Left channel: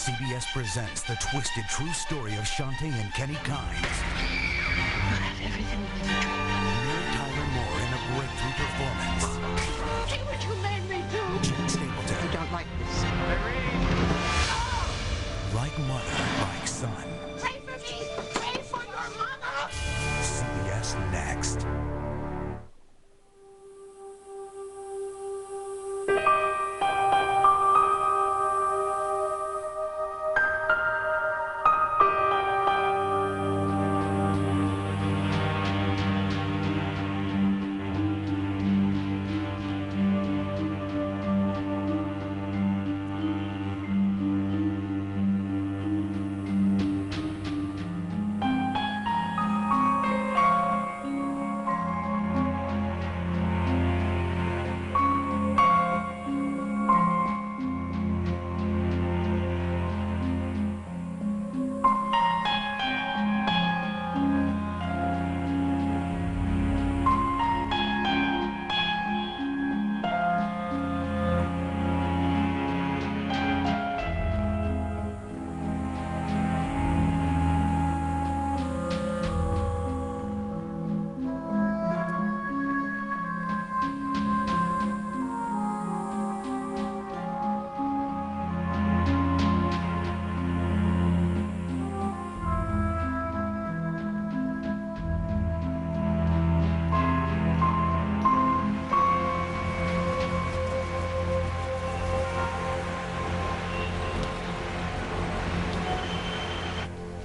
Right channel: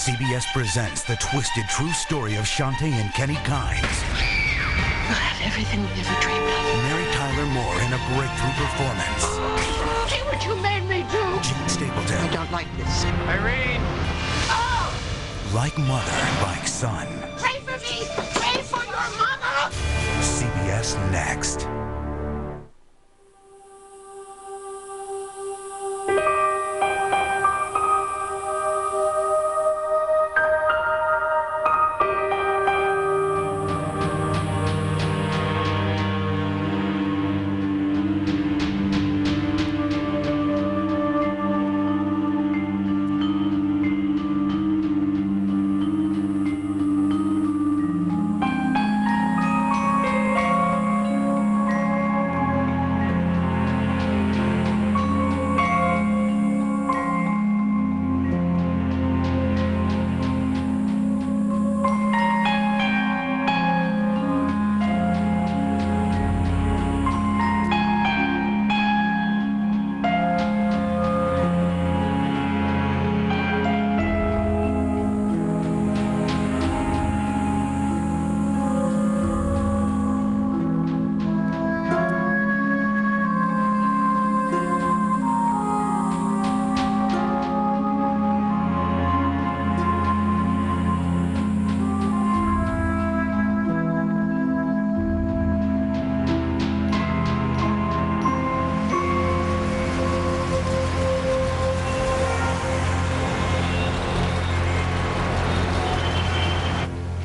CBS presents the twisted true story of Sante and Kenny Kynes. We'll have everything we ever dreamed of. Mary Tyler Moore in a breakthrough performance. See what you made me do? Gene Stapleton. I don't like this. Irene! Oh! Like mother, like son. Pray for me! Pray for your mother! CBS next.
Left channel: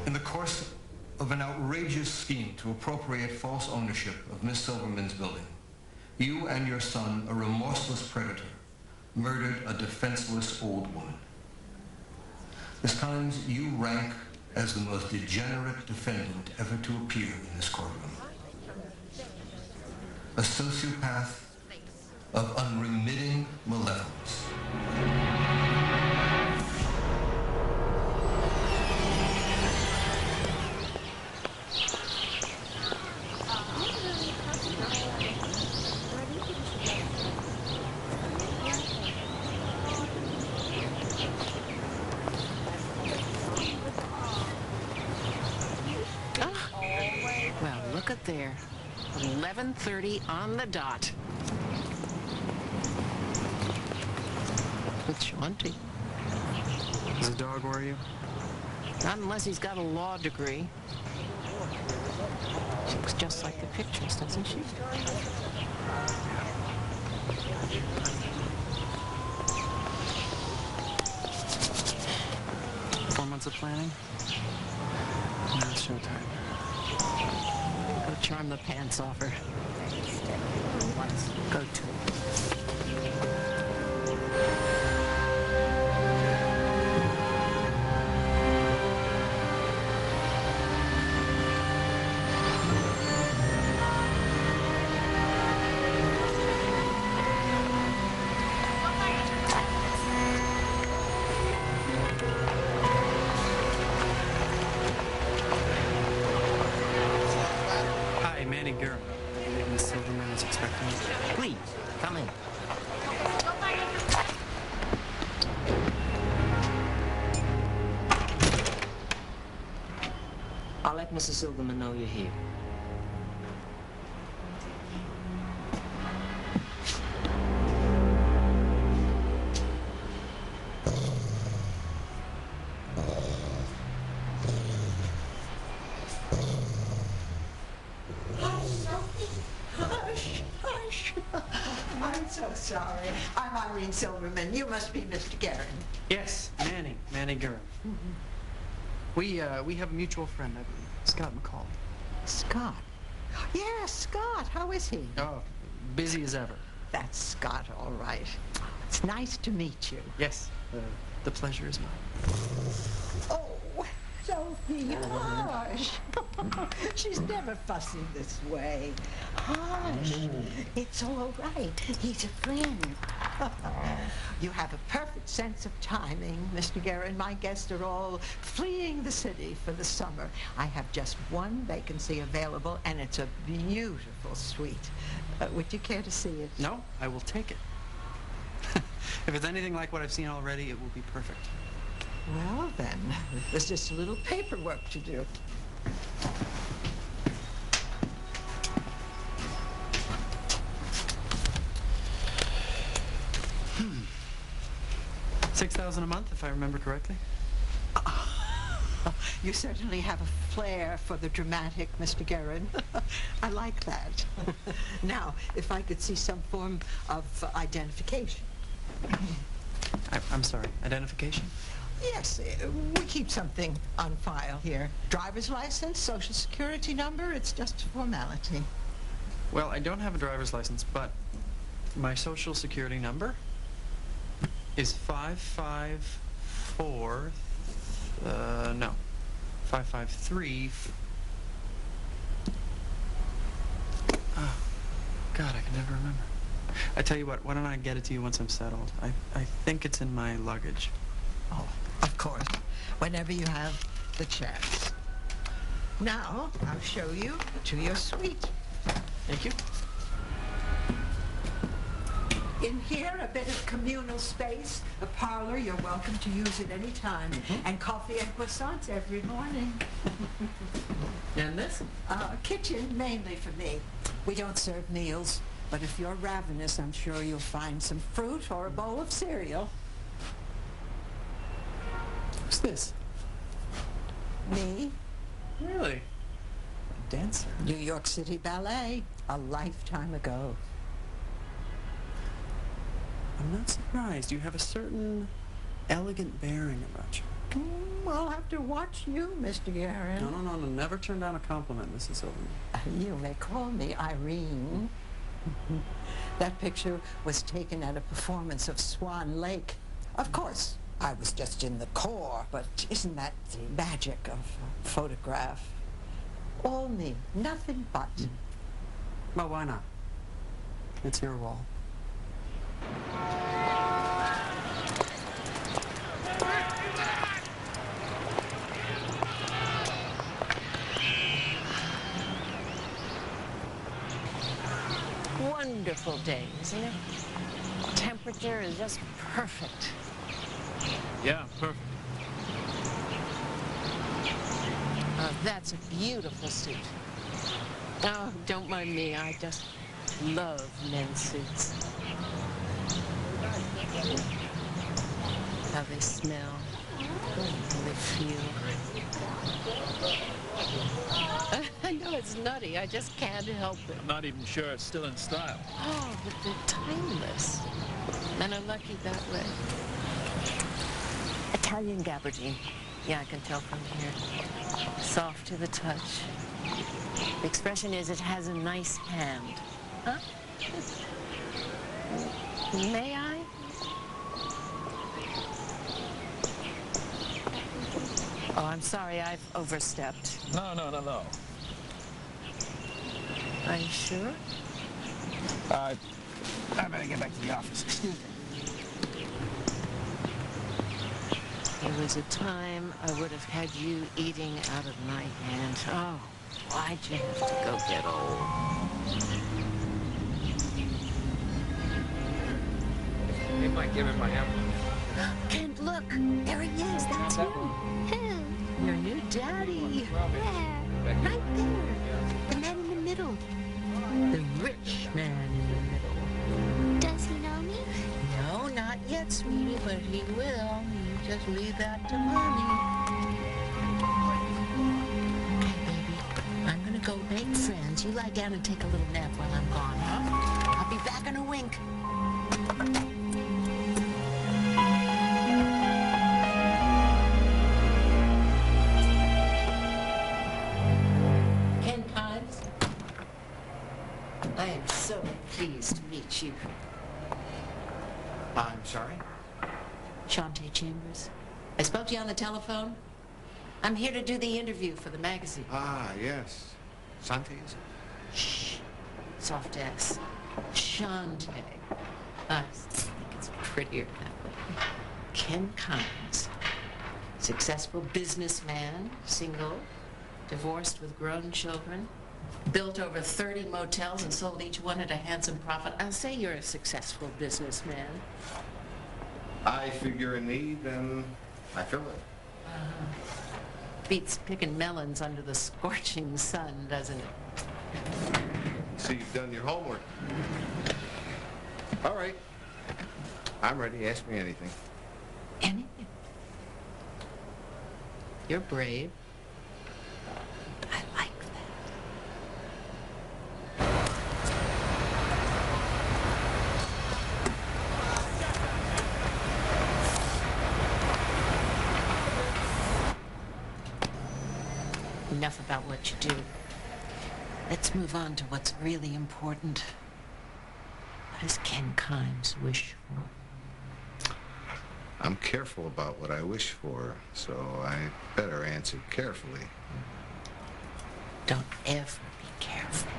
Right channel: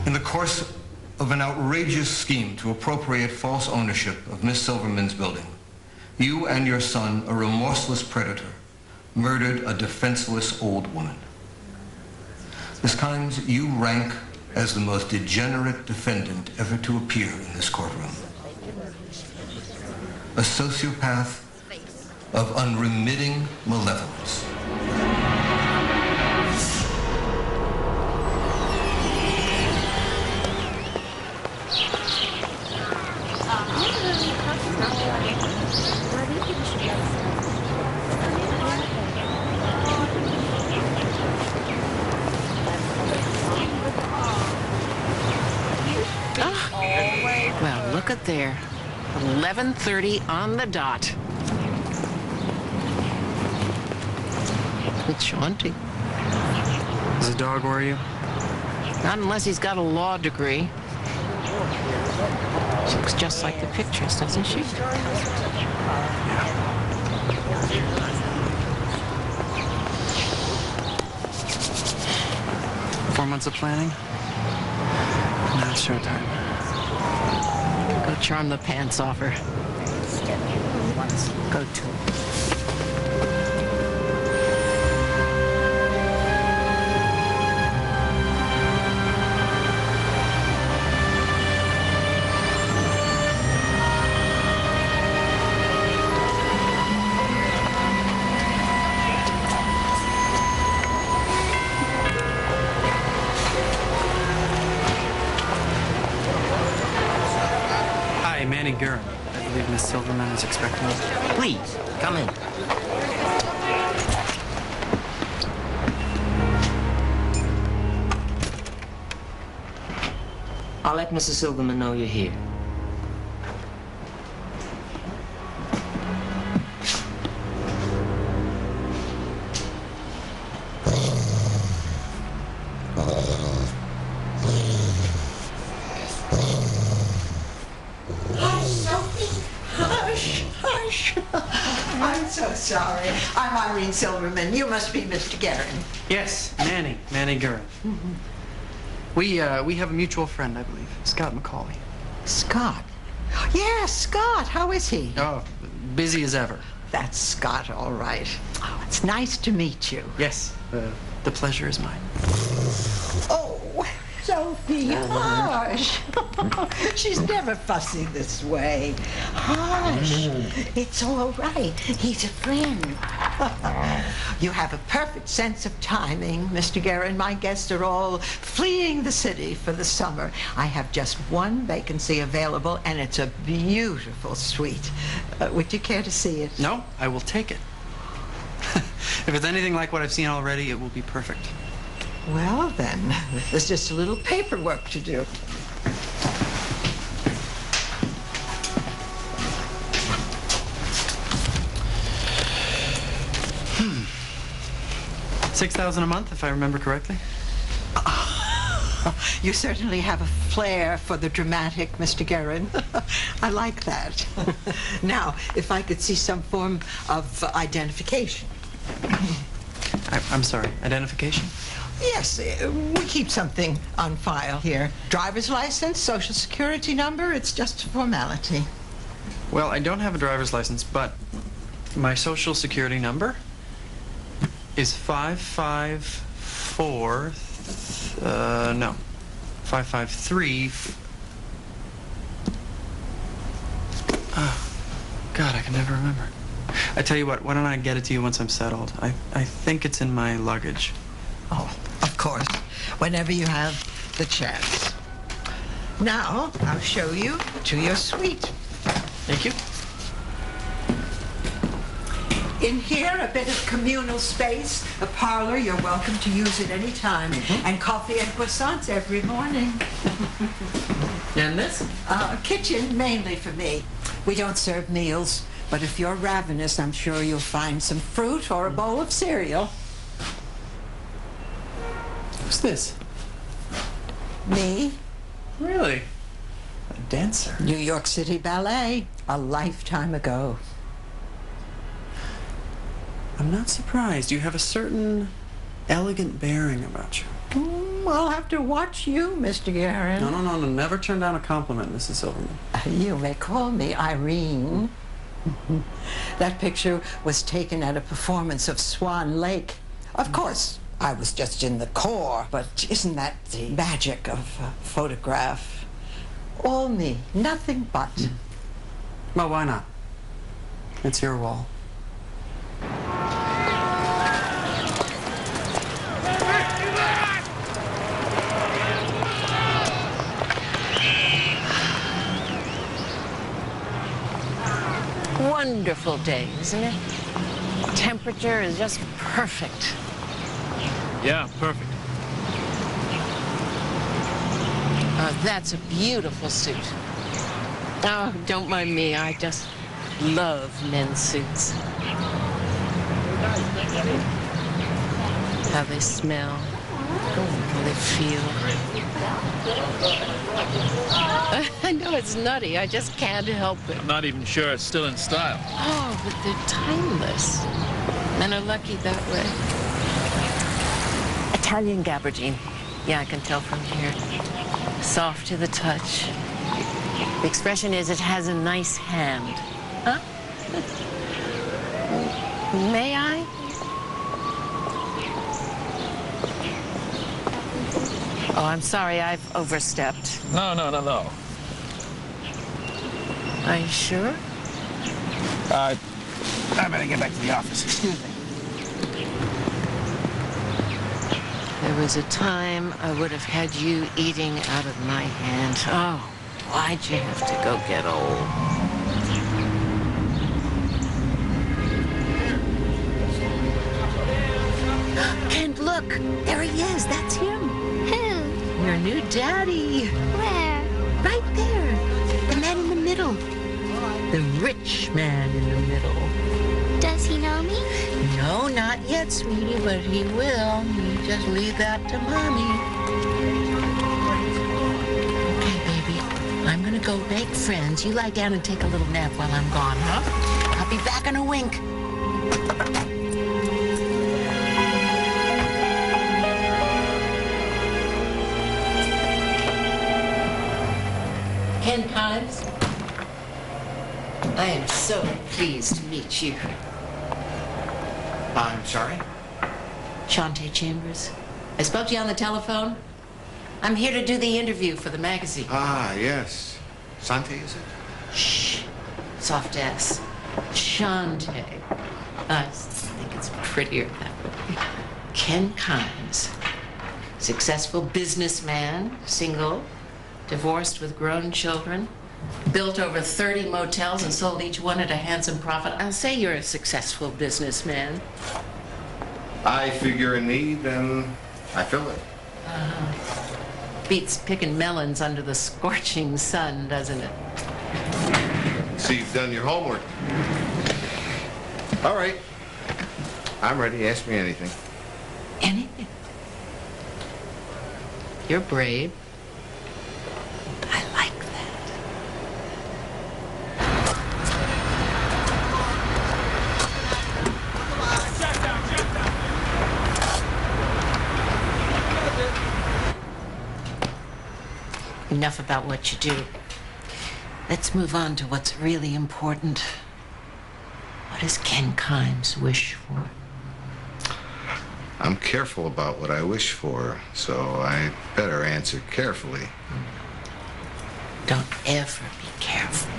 In the course of an outrageous scheme to appropriate false ownership of Miss Silverman's building, you and your son, a remorseless predator, murdered a defenseless old woman. Miss Kynes, you rank as the most degenerate defendant ever to appear in this courtroom. A sociopath of unremitting malevolence. Well, look at there. 11:30 on the dot. It's Sante. Does the dog worry you? Not unless he's got a law degree. She looks just like the pictures, doesn't she? Yeah. 4 months of planning. Now it's showtime. Go charm the pants off her. Go to. Manny Gurin. I believe Miss Silverman is expecting you. Please, come in. I'll let Mrs. Silverman know you're here. I'm so sorry. I'm Irene Silverman. You must be Mr. Guerin. Yes, Manny Gurin. We have a mutual friend, I believe, Scott McCauley. Scott? Yes, Scott. How is he? Oh, busy as ever. That's Scott, all right. Oh, it's nice to meet you. Yes, the pleasure is mine. Oh, Sophie, hush. She's never fussy this way. Hush. It's all right. He's a friend. You have a perfect sense of timing, Mr. Guerin. My guests are all fleeing the city for the summer. I have just one vacancy available, and it's a beautiful suite. Would you care to see it? No, I will take it. If it's anything like what I've seen already, it will be perfect. Well, then, there's just a little paperwork to do. $6,000 a month, if I remember correctly. You certainly have a flair for the dramatic, Mr. Guerin. I like that. Now, if I could see some form of identification. I'm sorry, identification? Yes, we keep something on file here. Driver's license, social security number, it's just a formality. Well, I don't have a driver's license, but my social security number is 554, no, 553. Oh, God, I can never remember. I tell you what, why don't I get it to you once I'm settled? I think it's in my luggage. Oh, of course, whenever you have the chance. Now, I'll show you to your suite. Thank you. In here, a bit of communal space, a parlor. You're welcome to use it any time. And coffee and croissants every morning. And this? Kitchen, mainly for me. We don't serve meals, but if you're ravenous, I'm sure you'll find some fruit or a bowl of cereal. Who's this? Me? Really? A dancer? New York City Ballet, a lifetime ago. I'm not surprised. You have a certain elegant bearing about you. I'll have to watch you, Mr. Guerin. No. Never turn down a compliment, Mrs. Silverman. You may call me Irene. That picture was taken at a performance of Swan Lake. Of course, I was just in the core, but isn't that the magic of a photograph? All me, nothing but. Well, why not? It's your wall. Wonderful day, isn't it? Temperature is just perfect. Yeah, perfect. Oh, that's a beautiful suit. Oh, don't mind me. I just love men's suits. How they smell, how they feel. I know it's nutty. I just can't help it. I'm not even sure it's still in style. Oh, but they're timeless. Men are lucky that way. Italian gabardine. Yeah, I can tell from here. Soft to the touch. The expression is it has a nice hand. Huh? May I? Oh, I'm sorry, I've overstepped. No. Are you sure? I better get back to the office. Excuse me. There was a time I would have had you eating out of my hand. Oh, why'd you have to go get old? Kent, look! There he is. That's him. Who? Your new daddy. Where? Right there. The man in the middle. The rich man in the middle. Does he know me? No, not yet, sweetie, but he will. You just leave that to Mommy. Okay, baby. I'm gonna go make friends. You lie down and take a little nap while I'm gone, huh? I'll be back in a wink. Ken Kimes, I am so pleased to meet you. I'm sorry? Sante Chambers. I spoke to you on the telephone. I'm here to do the interview for the magazine. Ah, yes. Sante, is it? Shh. Soft S. Sante. I think it's prettier that way. Ken Kimes. Successful businessman, single, divorced with grown children, built over 30 motels and sold each one at a handsome profit. I'll say you're a successful businessman. I figure in need, and I feel it. Beats picking melons under the scorching sun, doesn't it? See, you've done your homework. All right. I'm ready. Ask me anything. Anything. You're brave. I like that. Enough about what you do. Let's move on to what's really important. What does Ken Kimes wish for? I'm careful about what I wish for, so I better answer carefully. Don't ever be careful.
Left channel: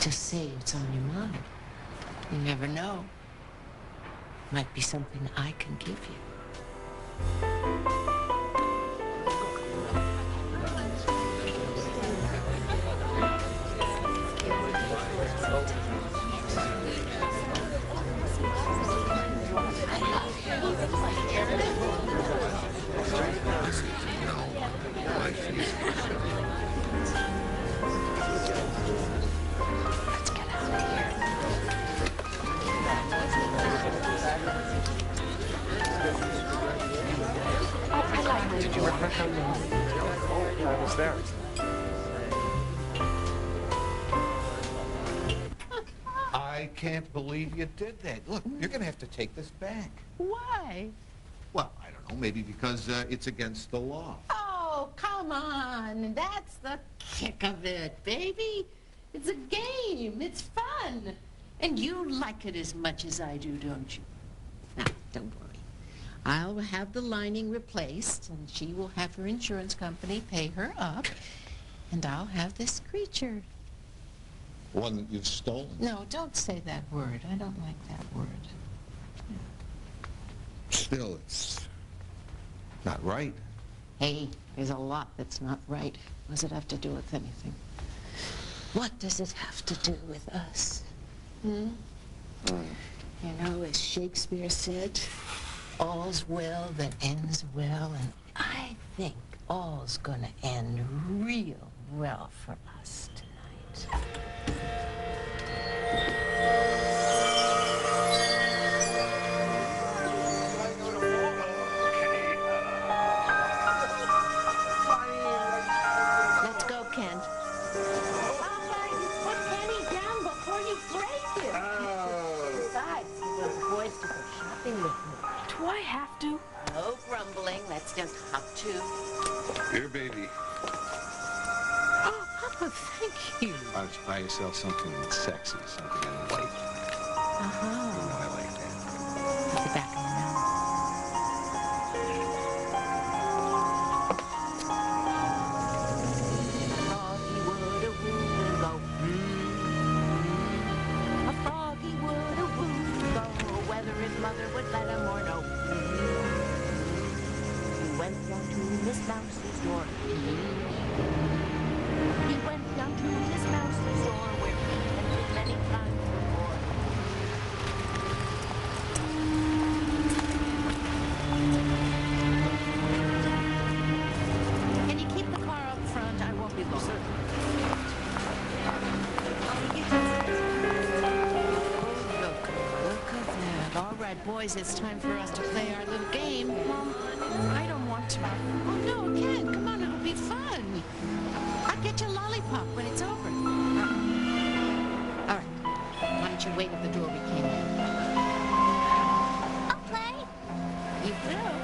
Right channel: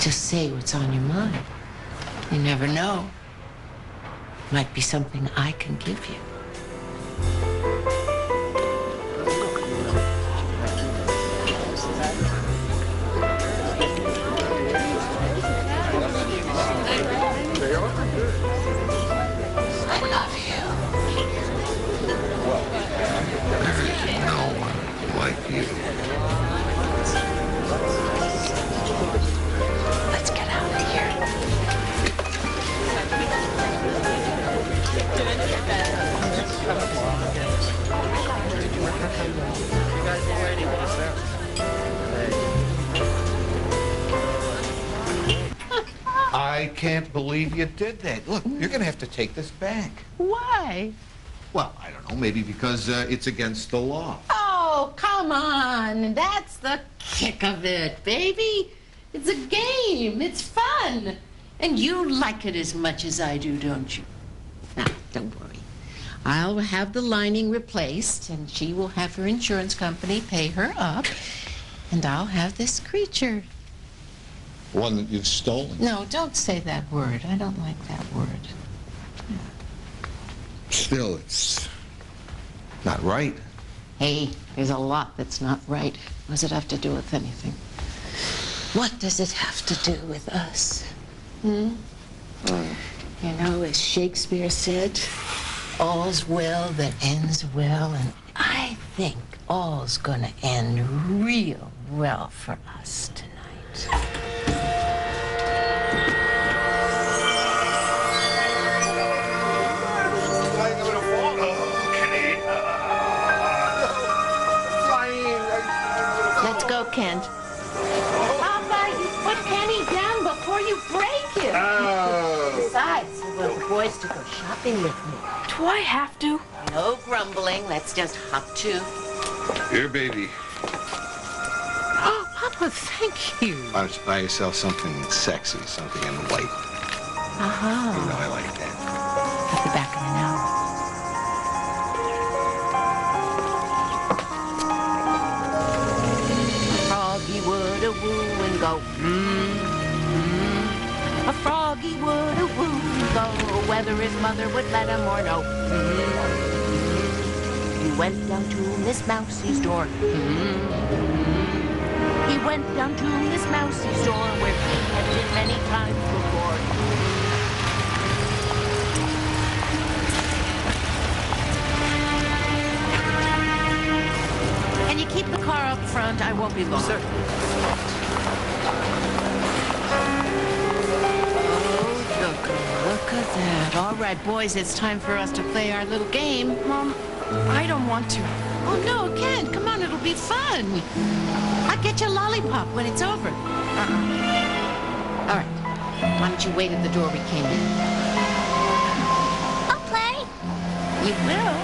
Just say what's on your mind. You never know. Might be something I can give you. Let's get out of here. Did you work on that? You guys were waiting with us there. I can't believe you did that. Look, you're going to have to take this back. Why? Well, I don't know, maybe because it's against the law. Oh, come on. That's the kick of it, baby. It's a game. It's fun. And you like it as much as I do, don't you? Now, don't worry. I'll have the lining replaced, and she will have her insurance company pay her up, and I'll have this creature. One that you've stolen. No, don't say that word. I don't like that word. Still, it's not right. Hey, there's a lot that's not right. What does it have to do with anything? What does it have to do with us? You know, as Shakespeare said, all's well that ends well, and I think all's gonna end real well for us tonight. Let's go, Kent. Papa, you put Kenny down before you break him. Oh. Besides, I want the boys to go shopping with me. Do I have to? No grumbling. Let's just hop to. Here, baby. Oh, Papa, thank you. Why don't you buy yourself something sexy, something in white? You know I like that. I'll be back in an hour. A froggy would a woo and go, A froggy would a woo and go, whether his mother would let him or no. He went down to Miss Mousie's door. He went down to Miss Mousie's door where he had been many times before. Can you keep the car up front? I won't be long. Sir. Oh, look at that. All right, boys, it's time for us to play our little game. Mom, I don't want to. Oh, no, Ken, come on, it'll be fun. I'll get you a lollipop when it's over. All right, why don't you wait at the door we came in? I'll play. You will?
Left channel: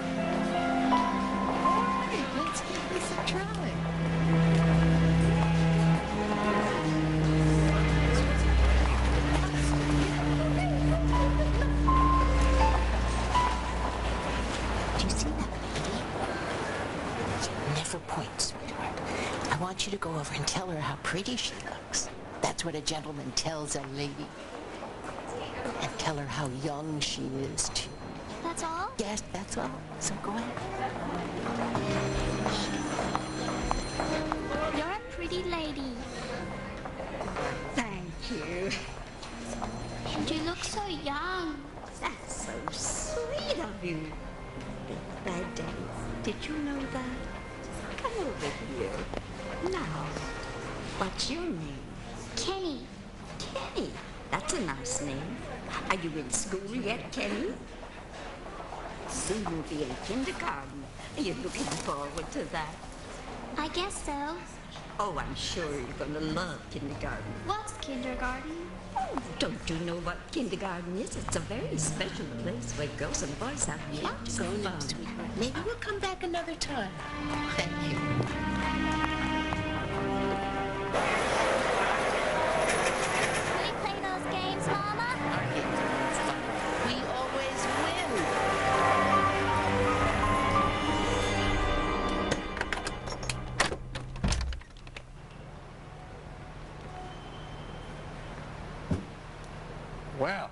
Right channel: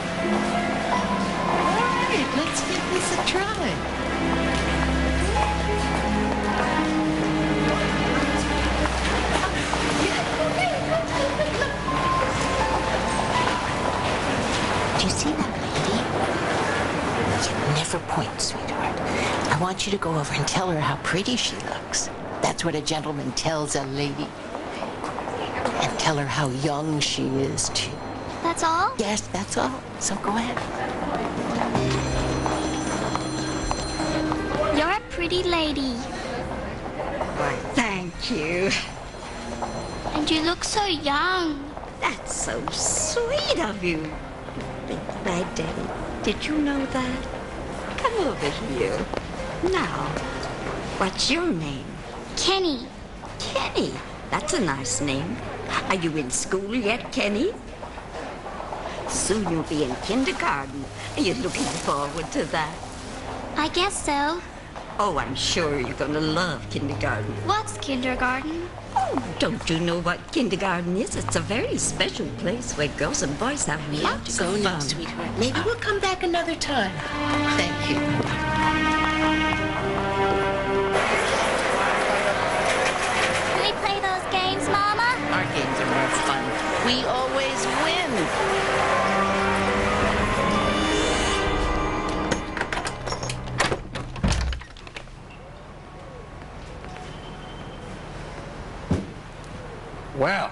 All right, let's give this a try. Do you see that lady? You never point, sweetheart. I want you to go over and tell her how pretty she looks. That's what a gentleman tells a lady. And tell her how young she is, too. That's all? Yes, that's all. So go ahead. You're a pretty lady. Why, thank you. And you look so young. That's so sweet of you. having a bad day. Did you know that? Come over here. Now, what's your name? Kenny. Kenny. That's a nice name. Are you in school yet, Kenny? Soon you'll be in kindergarten. Are you looking forward to that? I guess so. Oh, I'm sure you're gonna love kindergarten. What's kindergarten? Oh, don't you know what kindergarten is? It's a very special place where girls and boys have We have lots to go of now, fun. sweetheart. Maybe we'll come back another time. Thank you. Can we play those games, Mama? Our games are more fun. We always win. Well.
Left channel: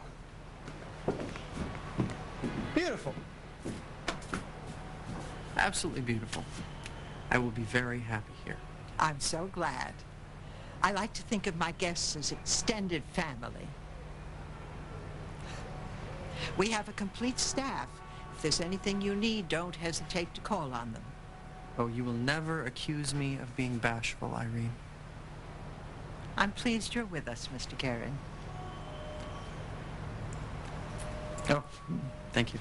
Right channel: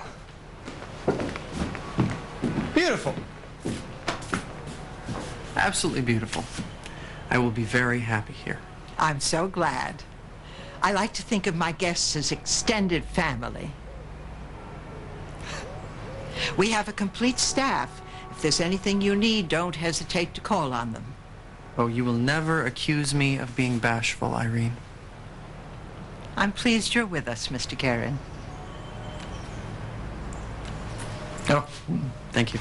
Beautiful. Absolutely beautiful. I will be very happy here. I'm so glad. I like to think of my guests as extended family. We have a complete staff. If there's anything you need, don't hesitate to call on them. Oh, you will never accuse me of being bashful, Irene. I'm pleased you're with us, Mr. Karen. Oh, thank you.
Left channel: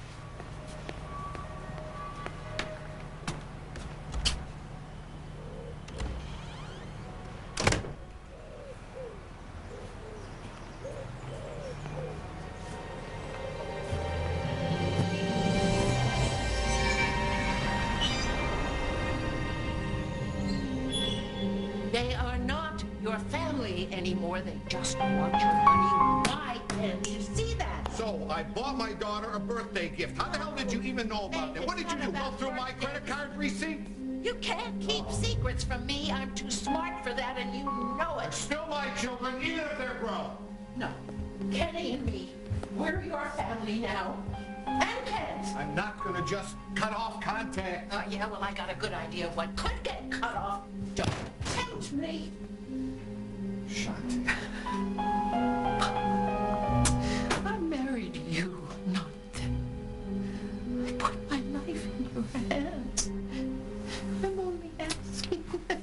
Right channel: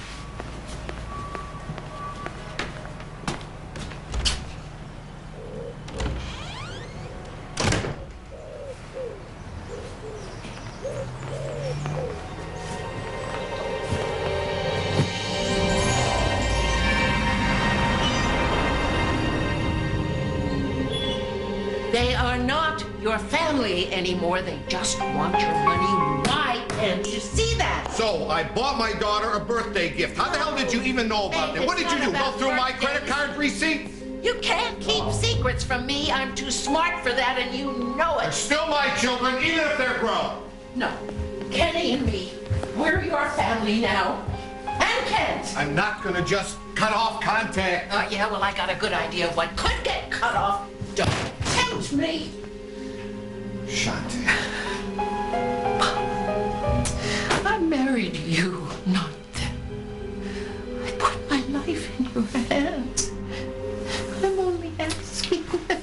They are not your family anymore. They just want your money. Why can't you see that? So, I bought my daughter a birthday gift. How the hell did you even know about that? What did you do? Go through my credit card receipt? You can't keep secrets from me. I'm too smart for that, and you know They're it. still my children, even if they're grown. No. Kenny and me, we're your family now. And Kent. I'm not gonna just cut off contact. Yeah, well, I got a good idea of what could get cut off. Don't tempt me. Sante. I married you, not them. I put my life in your hands. I'm only asking that.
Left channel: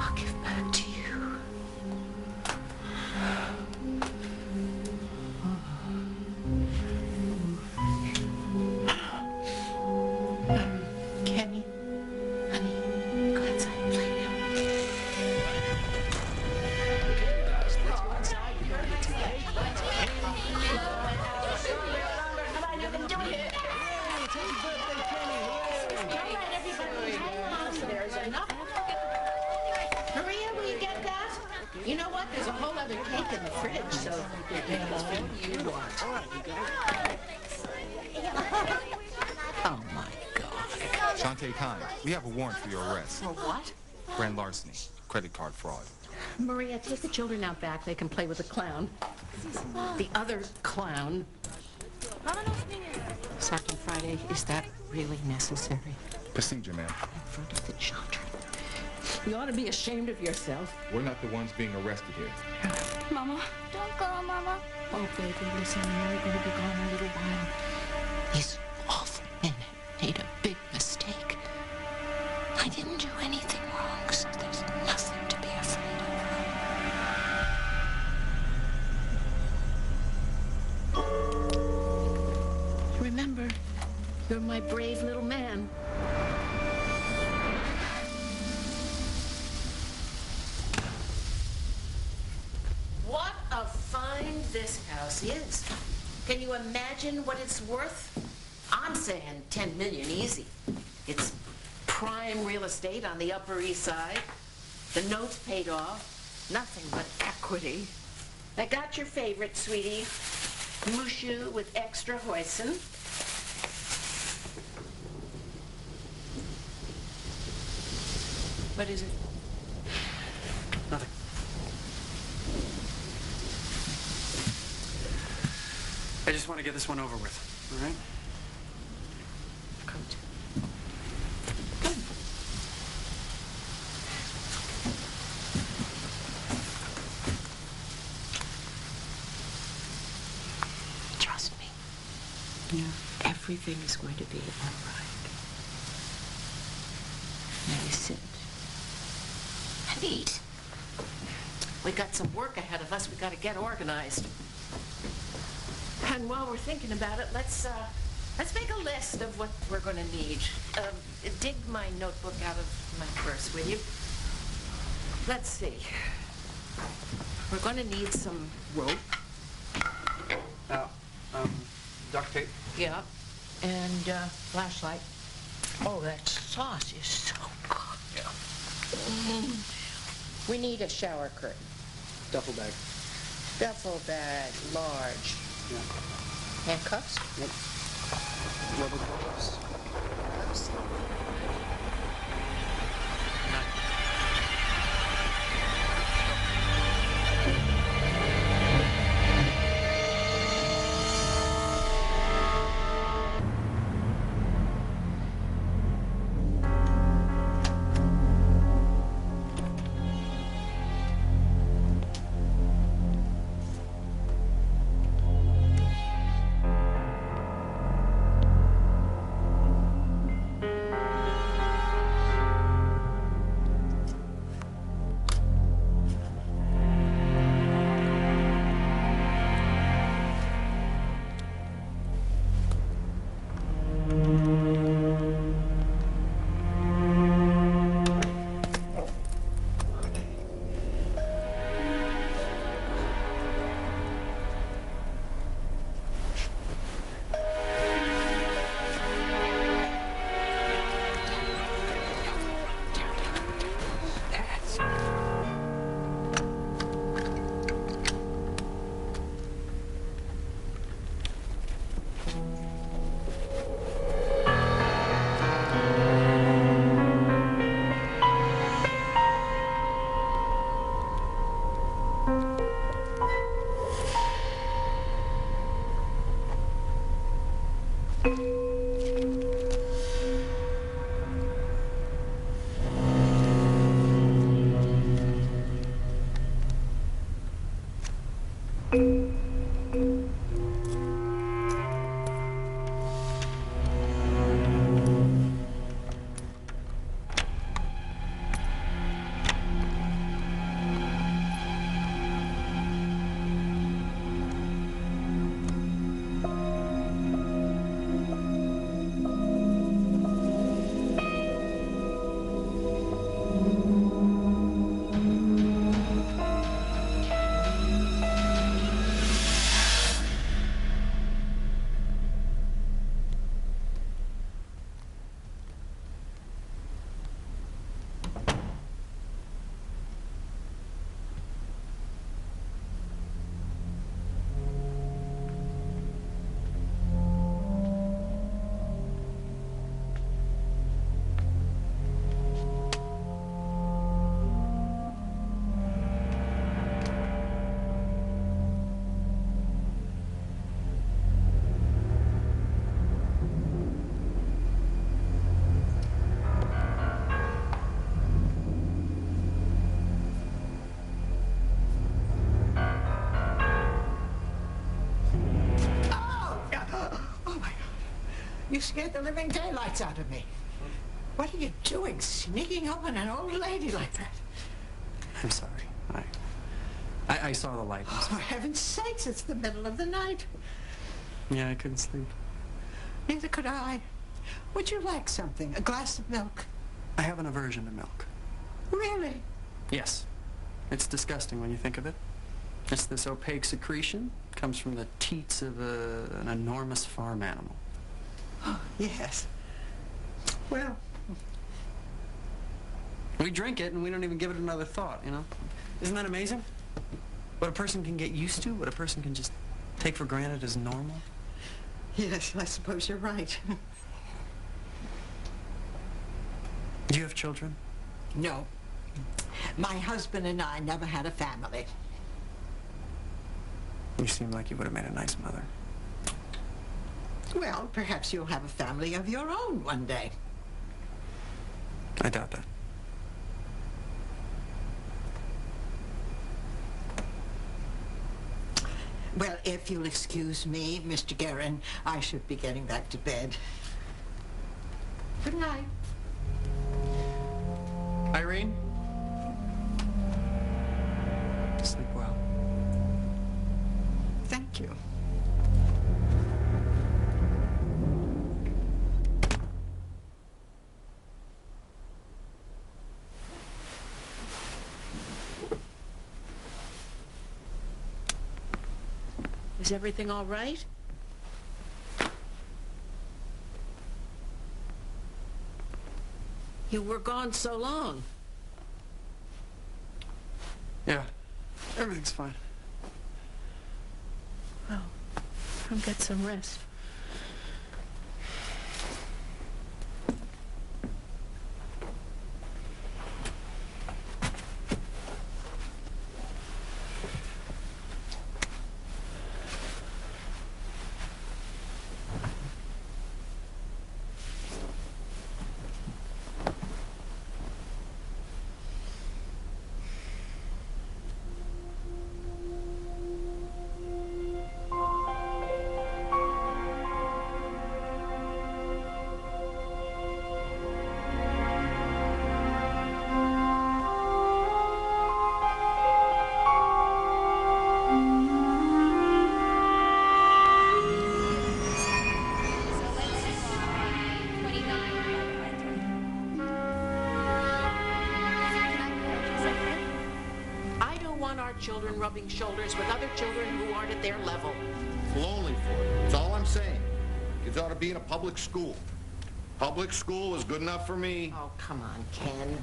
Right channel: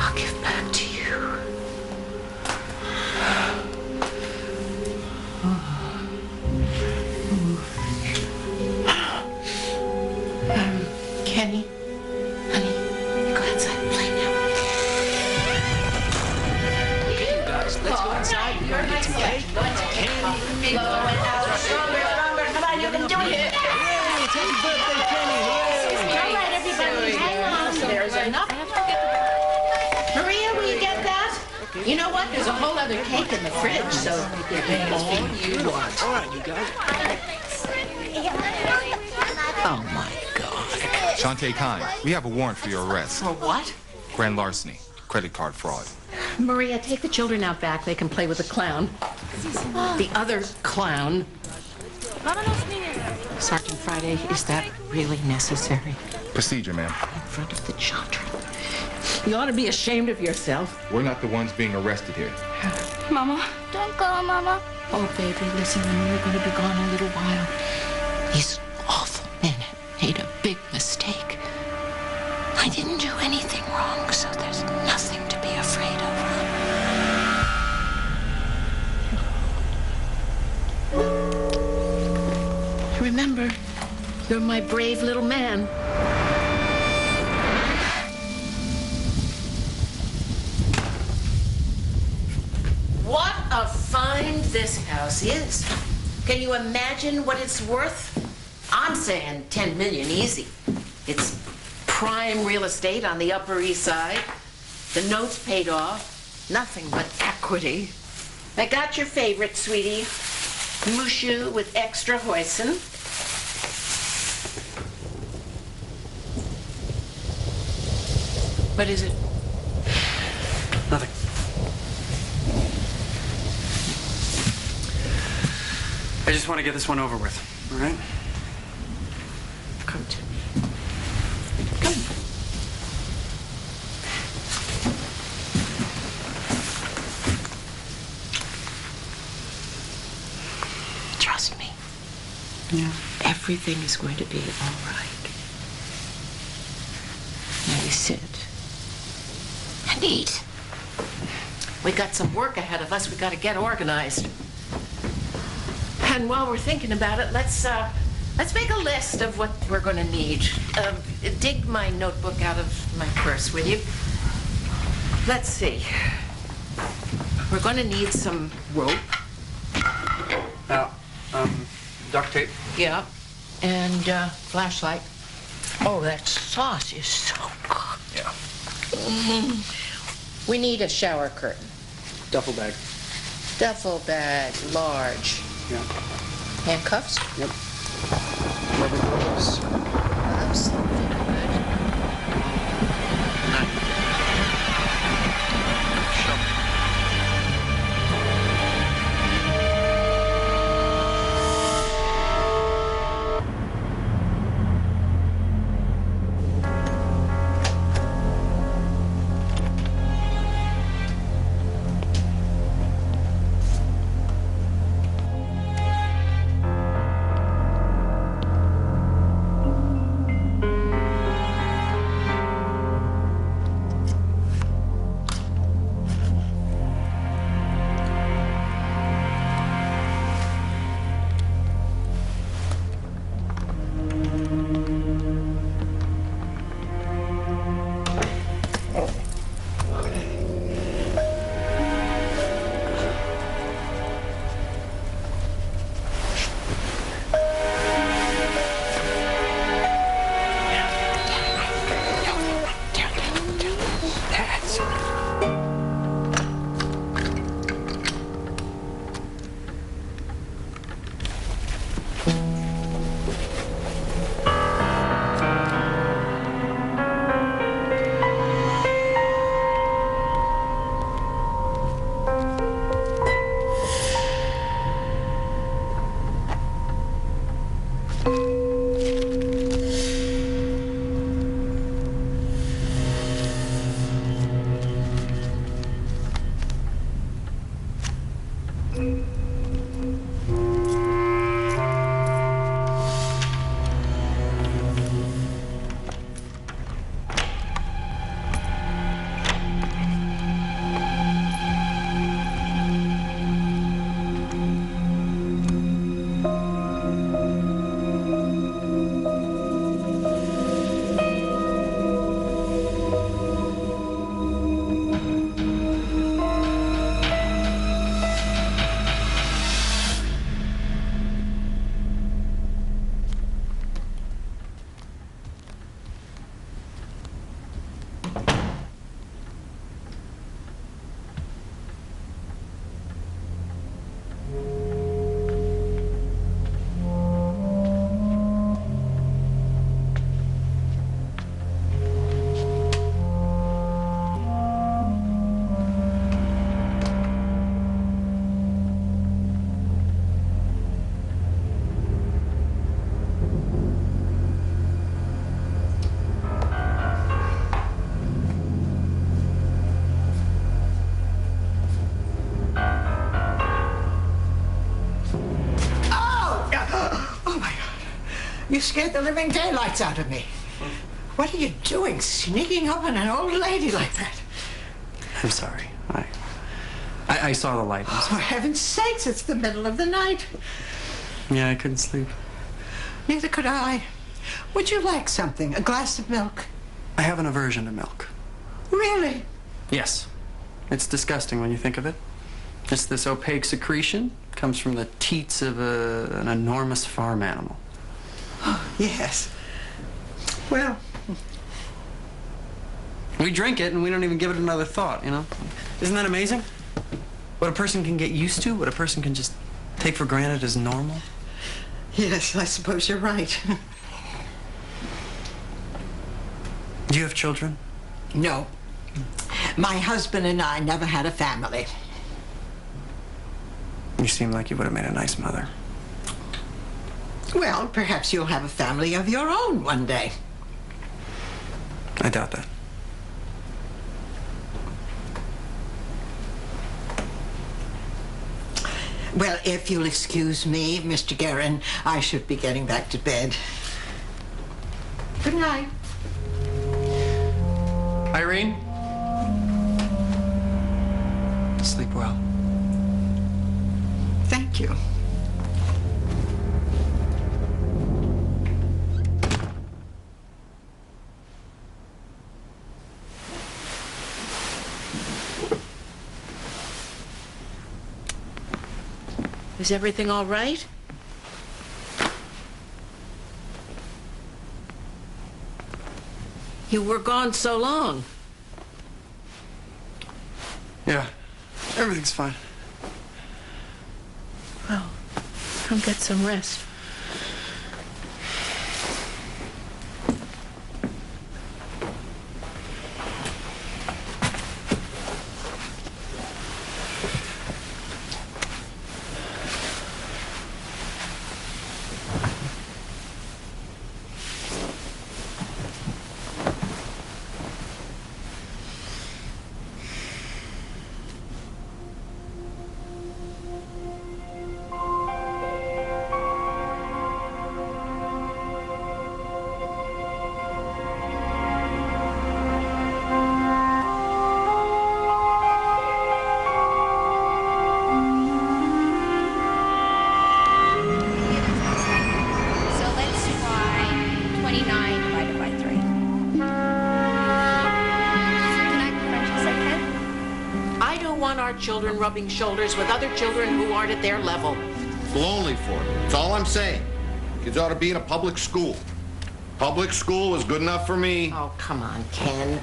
I'll give back to you. Kenny, honey, you go outside and play now. Okay, you guys, let's go inside. We're gonna get some cake, candy. Blow it out stronger, stronger. Come on, you can do it. Hey, it's happy birthday, Kenny. Hooray! All right, everybody, hang on. There's enough. Maria, will you get that? You know what? There's a whole other cake in the fridge, so all you want. All right, you guys. Oh, my God. Santé Kenneth, we have a warrant for your arrest. For what? Grand larceny, credit card fraud. Maria, take the children out back. They can play with the clown. The other clown. Sergeant Friday, is that really necessary? Procedure, ma'am. In front of the children. You ought to be ashamed of yourself. We're not the ones being arrested here. Mama. Don't go, Mama. Oh, baby, listen, I know you're going to be gone a little while. These awful men made a big mistake. I didn't do anything wrong, so there's nothing to be afraid of. Remember, you're my brave little man. What a find this house is. Can you imagine what it's worth? I'm saying 10 million easy. It's prime real estate on the Upper East Side. The notes paid off. Nothing but equity. I got your favorite, sweetie. Mushu with extra hoisin. What is it? Nothing. I just want to get this one over with, all right? Come to me. Come. Yeah. Everything is going to be all right. Now you sit and eat. We got some work ahead of us. We got to get organized. And while we're thinking about it, let's make a list of what we're going to need. Dig my notebook out of my purse, will you? Let's see. We're going to need some rope. Duct tape. Yeah. And flashlight. Oh, that sauce is so good. Yeah. We need a shower curtain. Duffel bag. Duffel bag, large. Yeah. Handcuffs? Yep. Rubber gloves. Gloves, very good. Knife. Shovel. You scared the living daylights out of me. What are you doing, sneaking up on an old lady like that? I'm sorry. I saw the light. For heaven's sakes, it's the middle of the night. Yeah, I couldn't sleep. Neither could I. Would you like something? A glass of milk? I have an aversion to milk. Really? Yes. It's disgusting when you think of it. It's this opaque secretion. Comes from the teats of an enormous farm animal. Oh, yes. Well, we drink it and we don't even give it another thought, you know? Isn't that amazing? What a person can get used to, what a person can just take for granted as normal. yes, I suppose you're right. Do you have children? No. My husband and I never had a family. You seem like you would have made a nice mother. Well, perhaps you'll have a family of your own one day. I doubt that. Well, if you'll excuse me, Mr. Guerin, I should be getting back to bed. Good night. Irene? Sleep well. Thank you. Is everything all right? You were gone so long. Yeah, everything's fine. Well, come get some rest. So let's try 29 divided by 3. Can I be French and say Ken? I don't want our children rubbing shoulders with other children who aren't at their level. It's lonely for them. That's all I'm saying. Kids ought to be in a public school. Public school is good enough for me. Oh, come on, Ken.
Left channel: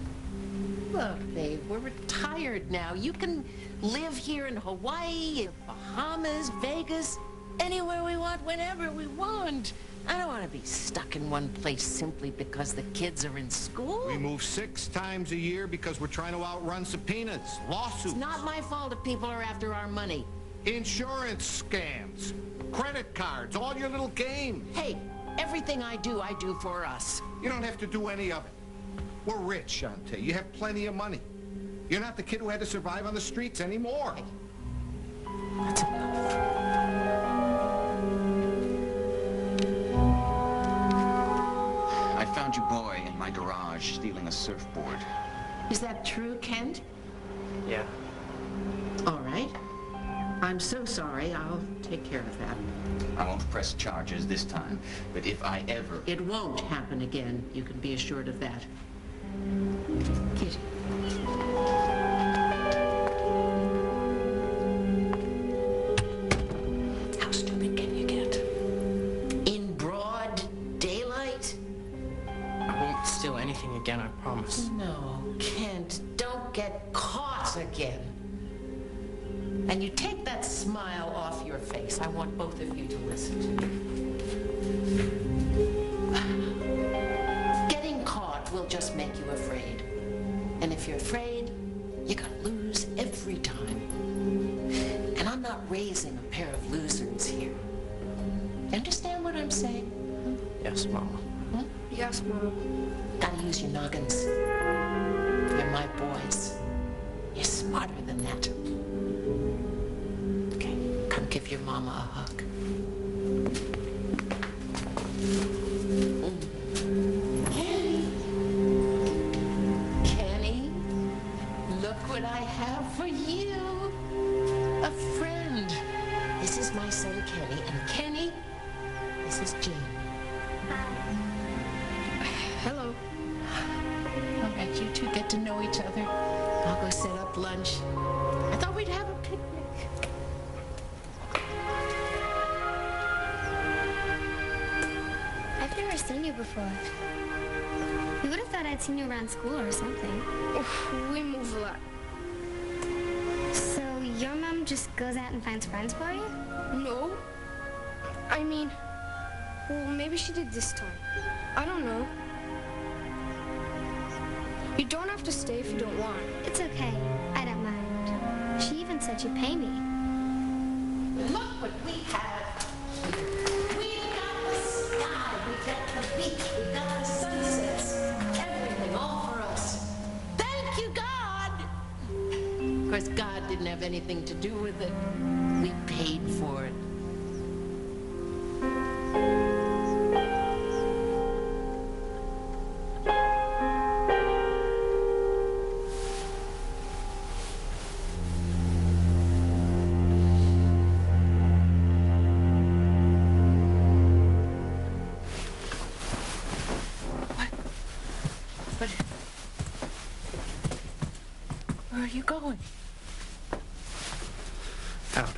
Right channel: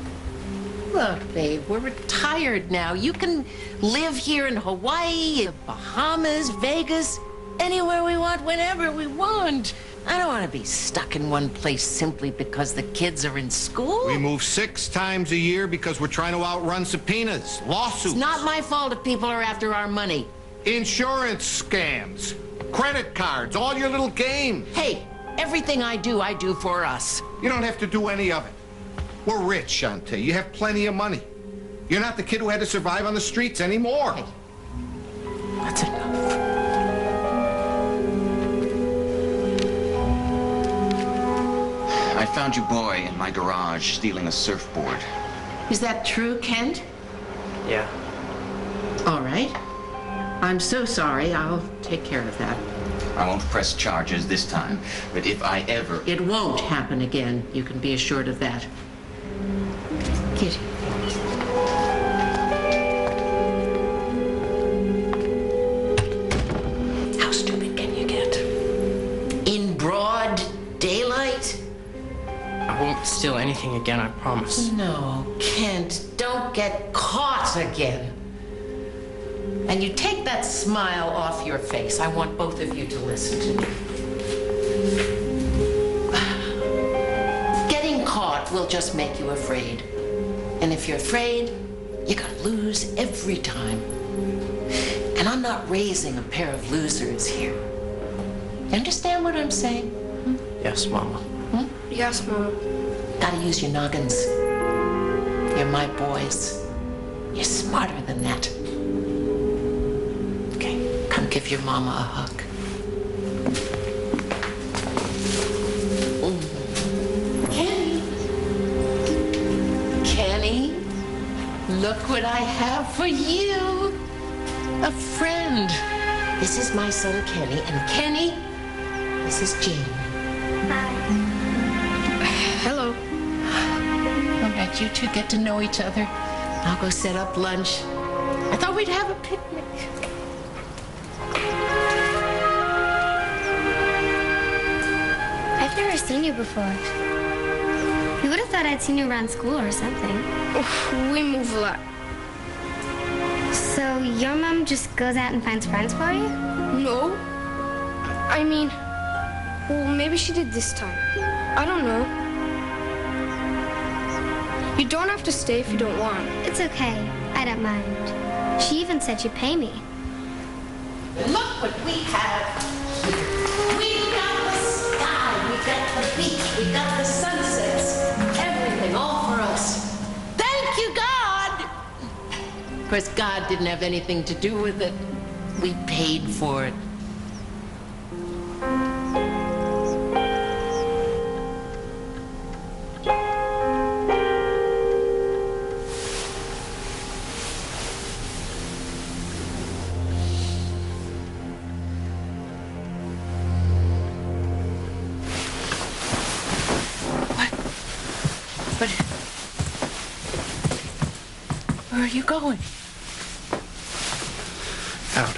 Look, babe, we're retired now. You can live here in Hawaii, the Bahamas, Vegas, anywhere we want, whenever we want. I don't want to be stuck in one place simply because the kids are in school. We move 6 times a year because we're trying to outrun subpoenas, lawsuits. It's not my fault if people are after our money. Insurance scams, credit cards, all your little games. Hey, everything I do for us. You don't have to do any of it. We're rich, Sante. You have plenty of money. You're not the kid who had to survive on the streets anymore. Hey, that's enough. I found your boy in my garage stealing a surfboard. Is that true, Kent? Yeah. All right. I'm so sorry. I'll take care of that. I won't press charges this time, but if I ever... It won't happen again. You can be assured of that. Kitty. How stupid can you get? In broad daylight? I won't steal anything again, I promise. No, Kent, don't get caught again. And you take that smile off your face. I want both of you to listen to me. Getting caught will just make you afraid. And if you're afraid, you're gonna lose every time. And I'm not raising a pair of losers here. You understand what I'm saying? Hmm? Yes, Mama. Hmm? Yes, Mama. Gotta use your noggins. You're my boys. You're smarter than that. Okay, come give your mama a hug. Kenny. Kenny, look what I have for you. A friend. This is my son, Kenny. And Kenny, this is Jane. Hi. Hello. All right, you two get to know each other. I'll go set up lunch. I thought we'd have a picnic. I've never seen you before. You would have thought I'd seen you around school or something. We move a lot. So your mom just goes out and finds friends for you? No. I mean, well, maybe she did this time. I don't know. You don't have to stay if you don't want. It's okay. I don't mind. She even said she'd pay me. Look what we have here. We've got the sky, we've got the beach, we've got the sunsets. Everything, all for us. Thank you, God! Of course, God didn't have anything to do with it. We paid for it. But where are you going? Out.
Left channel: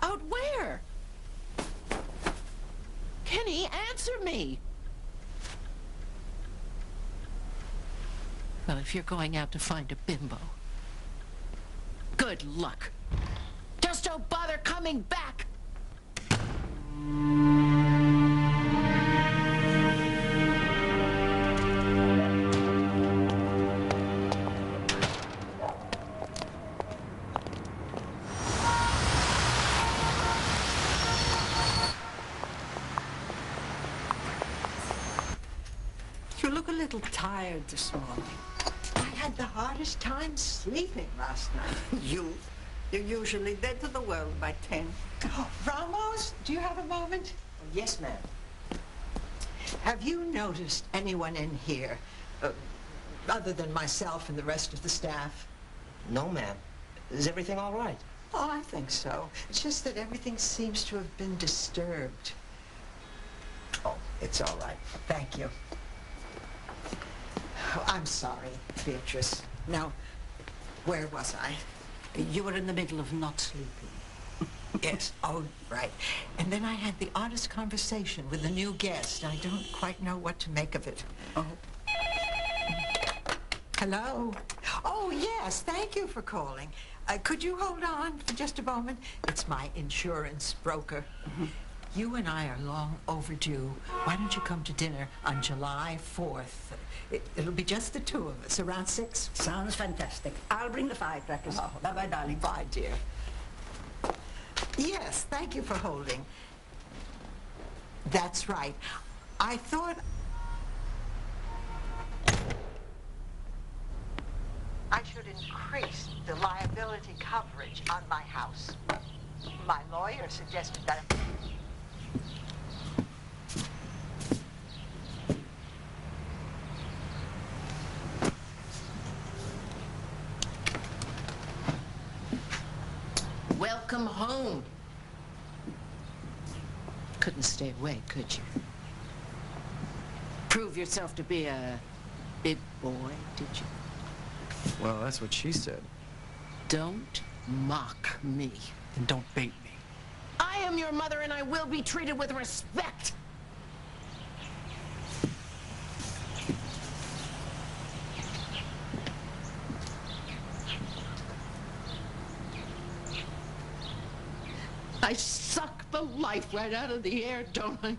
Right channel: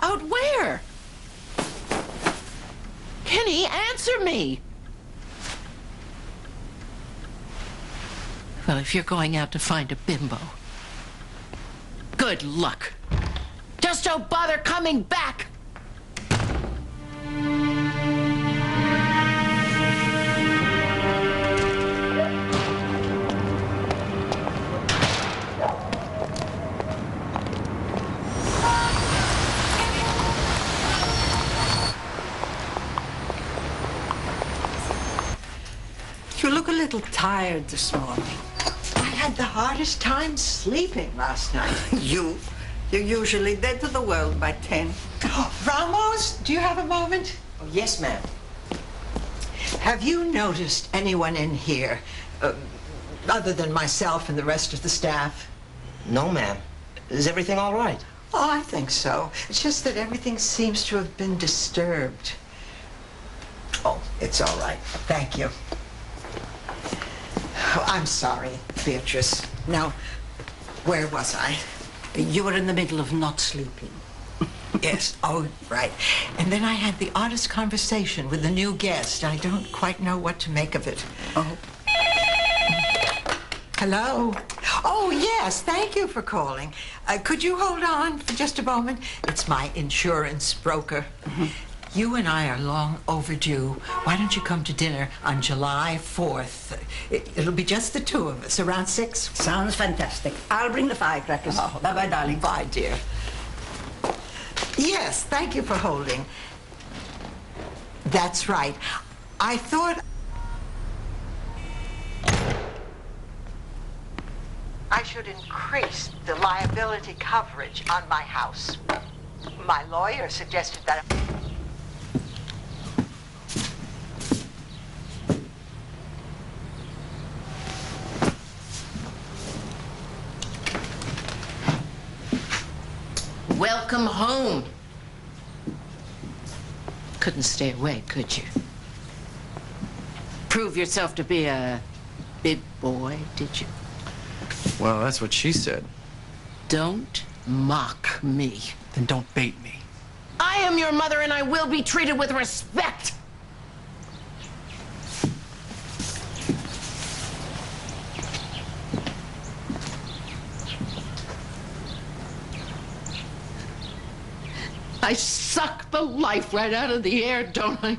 Out where? Kenny, answer me. Well, if you're going out to find a bimbo, good luck. Just don't bother coming back. You look a little tired this morning. I had the hardest time sleeping last night. You're usually dead to the world by 10. Ramos, do you have a moment? Oh, yes, ma'am. Have you noticed anyone in here, other than myself and the rest of the staff? No, ma'am. Is everything all right? Oh, I think so. It's just that everything seems to have been disturbed. Oh, it's all right. Thank you. Oh, I'm sorry, Beatrice. Now, where was I? You were in the middle of not sleeping. Yes, oh, right. And then I had the oddest conversation with the new guest. I don't quite know what to make of it. Oh. Hello? Oh, yes, thank you for calling. Could you hold on for just a moment? It's my insurance broker. Mm-hmm. You and I are long overdue. Why don't you come to dinner on July 4th? It'll be just the two of us, around 6. Sounds fantastic. I'll bring the firecrackers. Oh, bye-bye, darling. Bye, dear. Yes, thank you for holding. That's right. I thought I should increase the liability coverage on my house. My lawyer suggested that. Welcome home. Couldn't stay away, could you? Prove yourself to be a big boy, did you? Well, that's what she said. Don't mock me. Then don't bait me. I am your mother and I will be treated with respect. I suck the life right out of the air, don't I?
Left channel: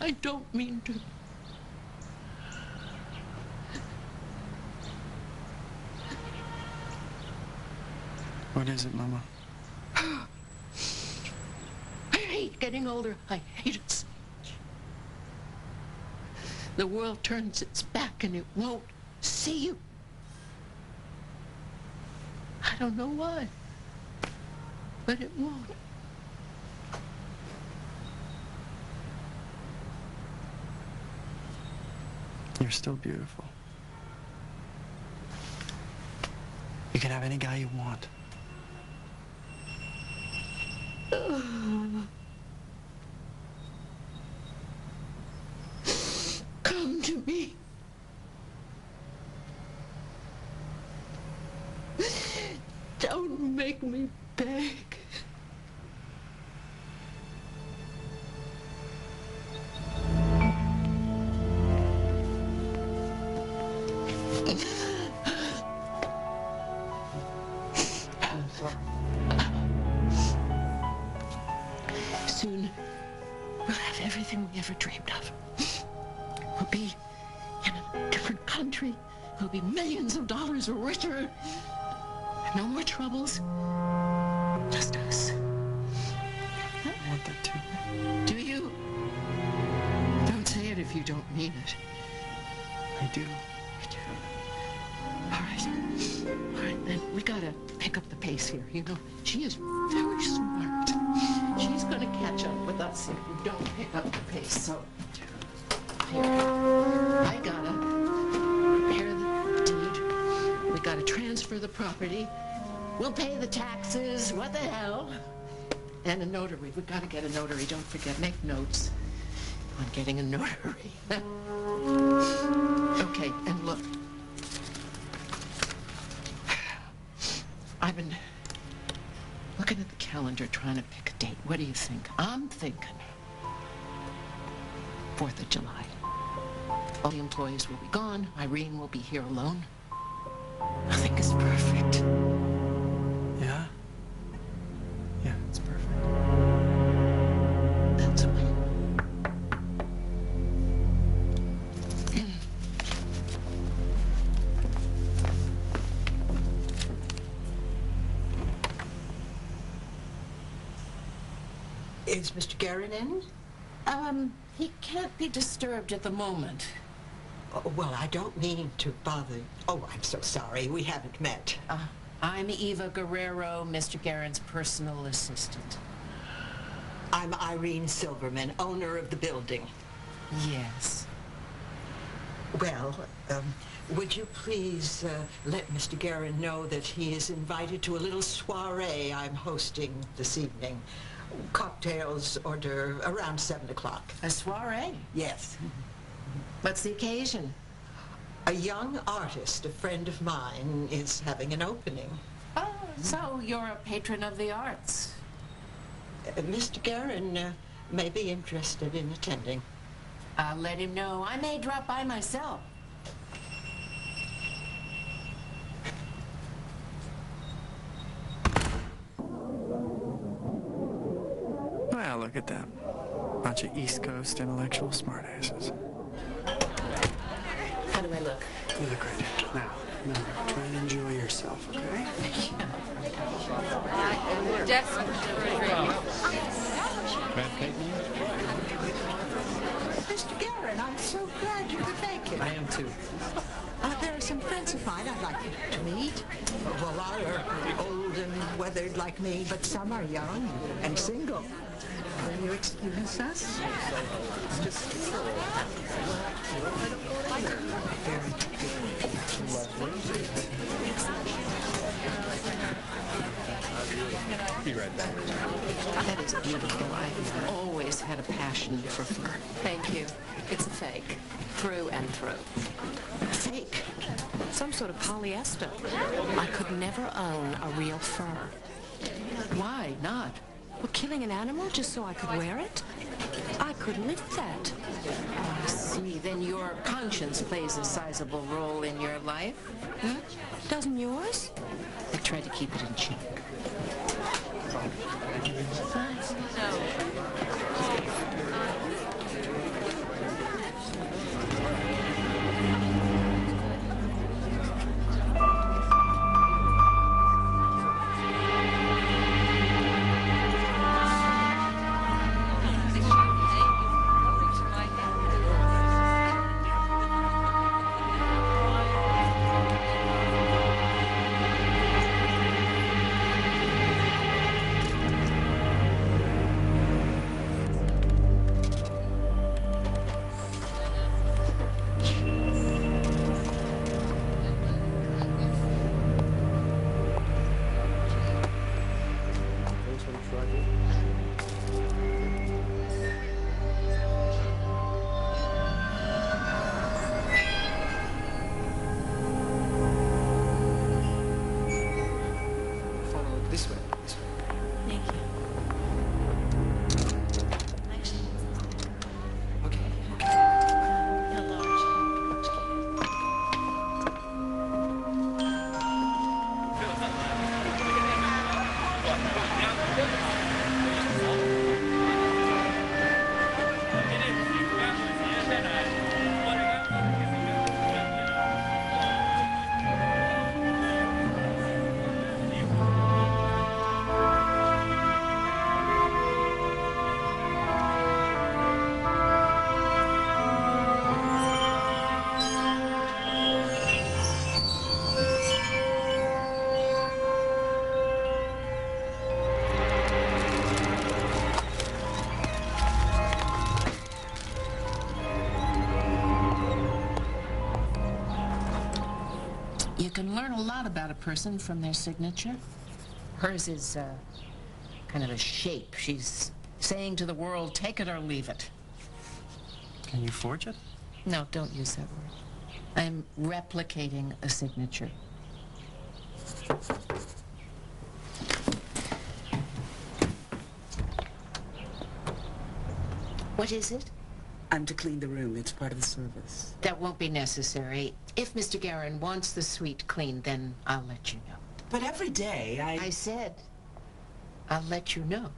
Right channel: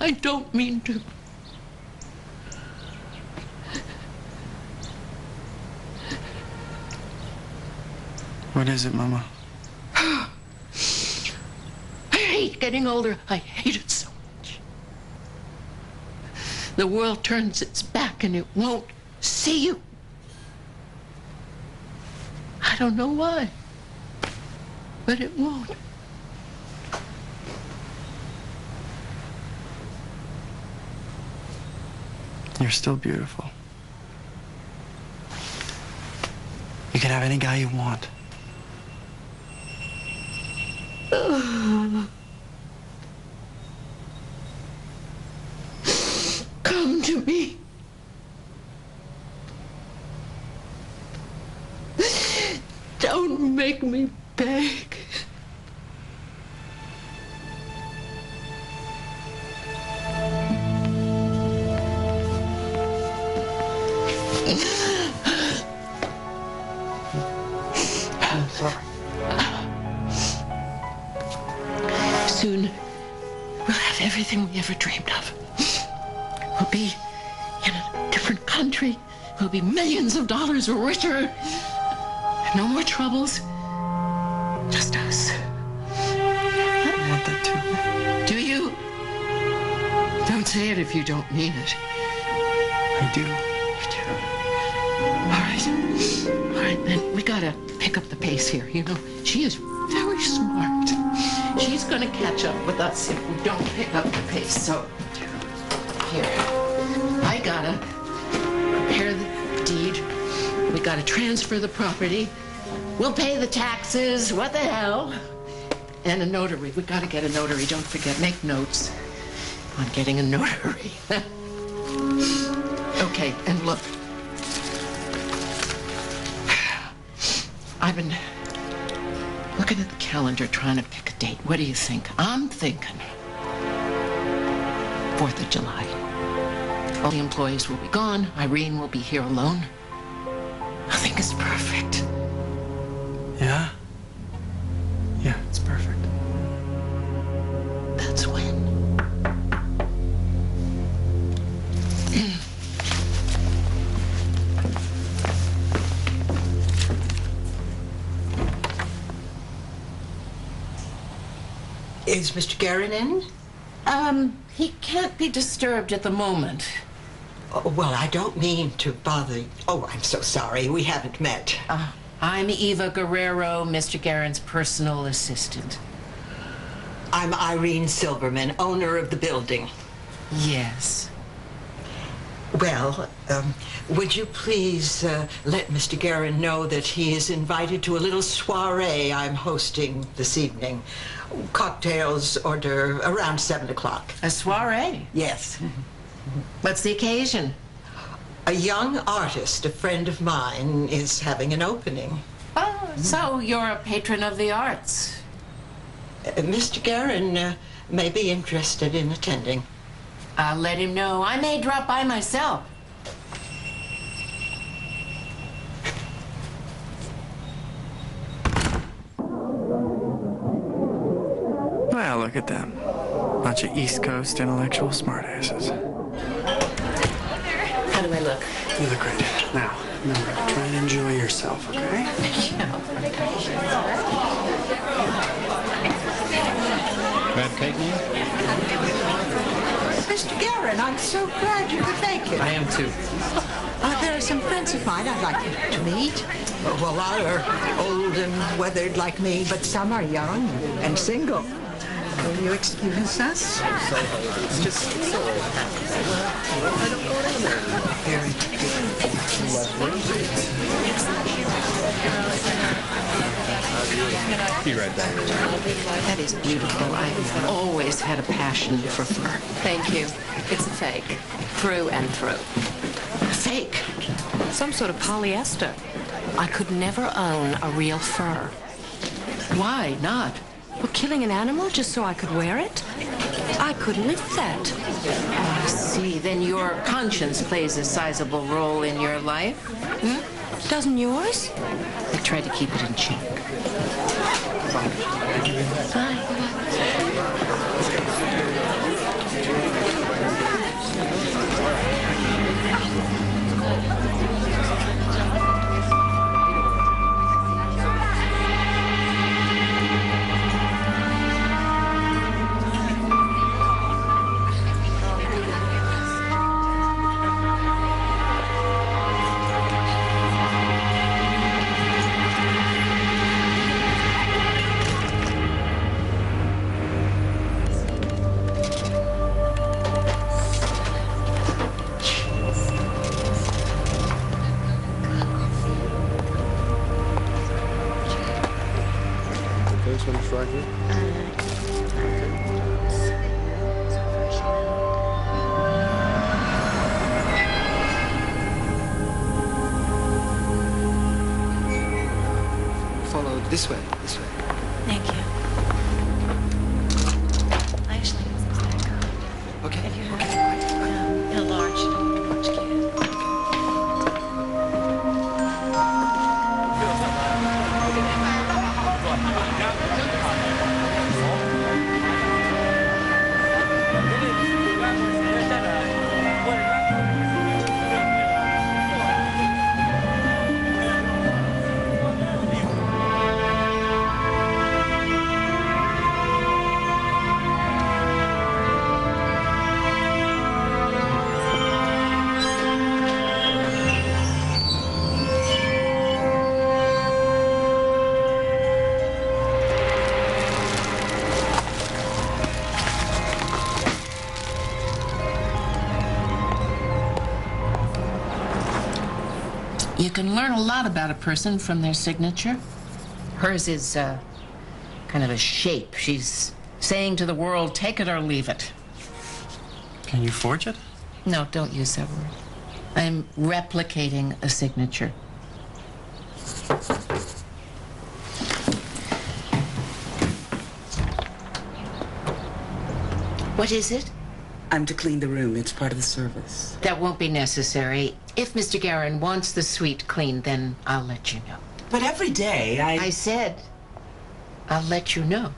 I don't mean to. What is it, Mama? I hate getting older. I hate it so much. The world turns its back and it won't see you. I don't know why, but it won't. You're still beautiful. You can have any guy you want. Come to me. Don't make me beg. I'm sorry. Soon, we'll have everything we ever dreamed of. We'll be in a different country. We'll be millions of dollars richer. No more troubles. Just us. I want that too. Do you? Don't say it if you don't mean it. I do. You do. All right, then we gotta pick up the pace here. You know, she is very smart. She's gonna catch up with us if we don't pick up the pace. So, here, I gotta prepare the deed. We gotta transfer the property. We'll pay the taxes. What the hell? And a notary. We gotta get a notary. Don't forget, make notes on getting a notary. Okay, and look. I've been looking at the calendar, trying to pick a date. What do you think? I'm thinking 4th of July. All the employees will be gone. Irene will be here alone. I think it's perfect. Yeah? Yeah, it's perfect. That's when. Is Mr. Guerin in? He can't be disturbed at the moment. Oh, well, I don't mean to bother you. Oh, I'm so sorry. We haven't met. I'm Eva Guerrero, Mr. Guerin's personal assistant. I'm Irene Silverman, owner of the building. Yes. Well, would you please let Mr. Guerin know that he is invited to a little soiree I'm hosting this evening. Cocktails order around 7 o'clock. A soiree? Yes. What's the occasion? A young artist, a friend of mine, is having an opening. Oh, so you're a patron of the arts. Mr. Guerin may be interested in attending. I'll let him know. I may drop by myself. Well, look at them. Bunch of East Coast intellectual smartasses. How do I look? You look great. Now, remember, try and enjoy yourself, okay? Crab cake, man? Mr. Guerin, I'm so glad you could make it. I am too. There are some friends of mine I'd like you to meet. Well, a lot are old and weathered like me, but some are young and single. Will you excuse us? It's just so old. Be right back. That is beautiful. I've always had a passion for fur. Thank you. It's a fake. Through and through. Fake? Some sort of polyester. I could never own a real fur. Why not? Well, killing an animal just so I could wear it? I couldn't live with that. Oh, I see. Then your conscience plays a sizable role in your life? Hmm? Doesn't yours? I try to keep it in check. Bye. This one's right here? Follow this way, this way. Thank you. Actually, it's back. Okay. Have you heard? In a large can. You can learn a lot about a person from their signature. Hers is kind of a shape. She's saying to the world, take it or leave it. Can you forge it? No, don't use that word. I'm replicating a signature. What is it? I'm to clean the room. It's part of the service. That won't be necessary. If Mr. Guerin wants the suite cleaned, then I'll let you know. But every day I said I'll let you know.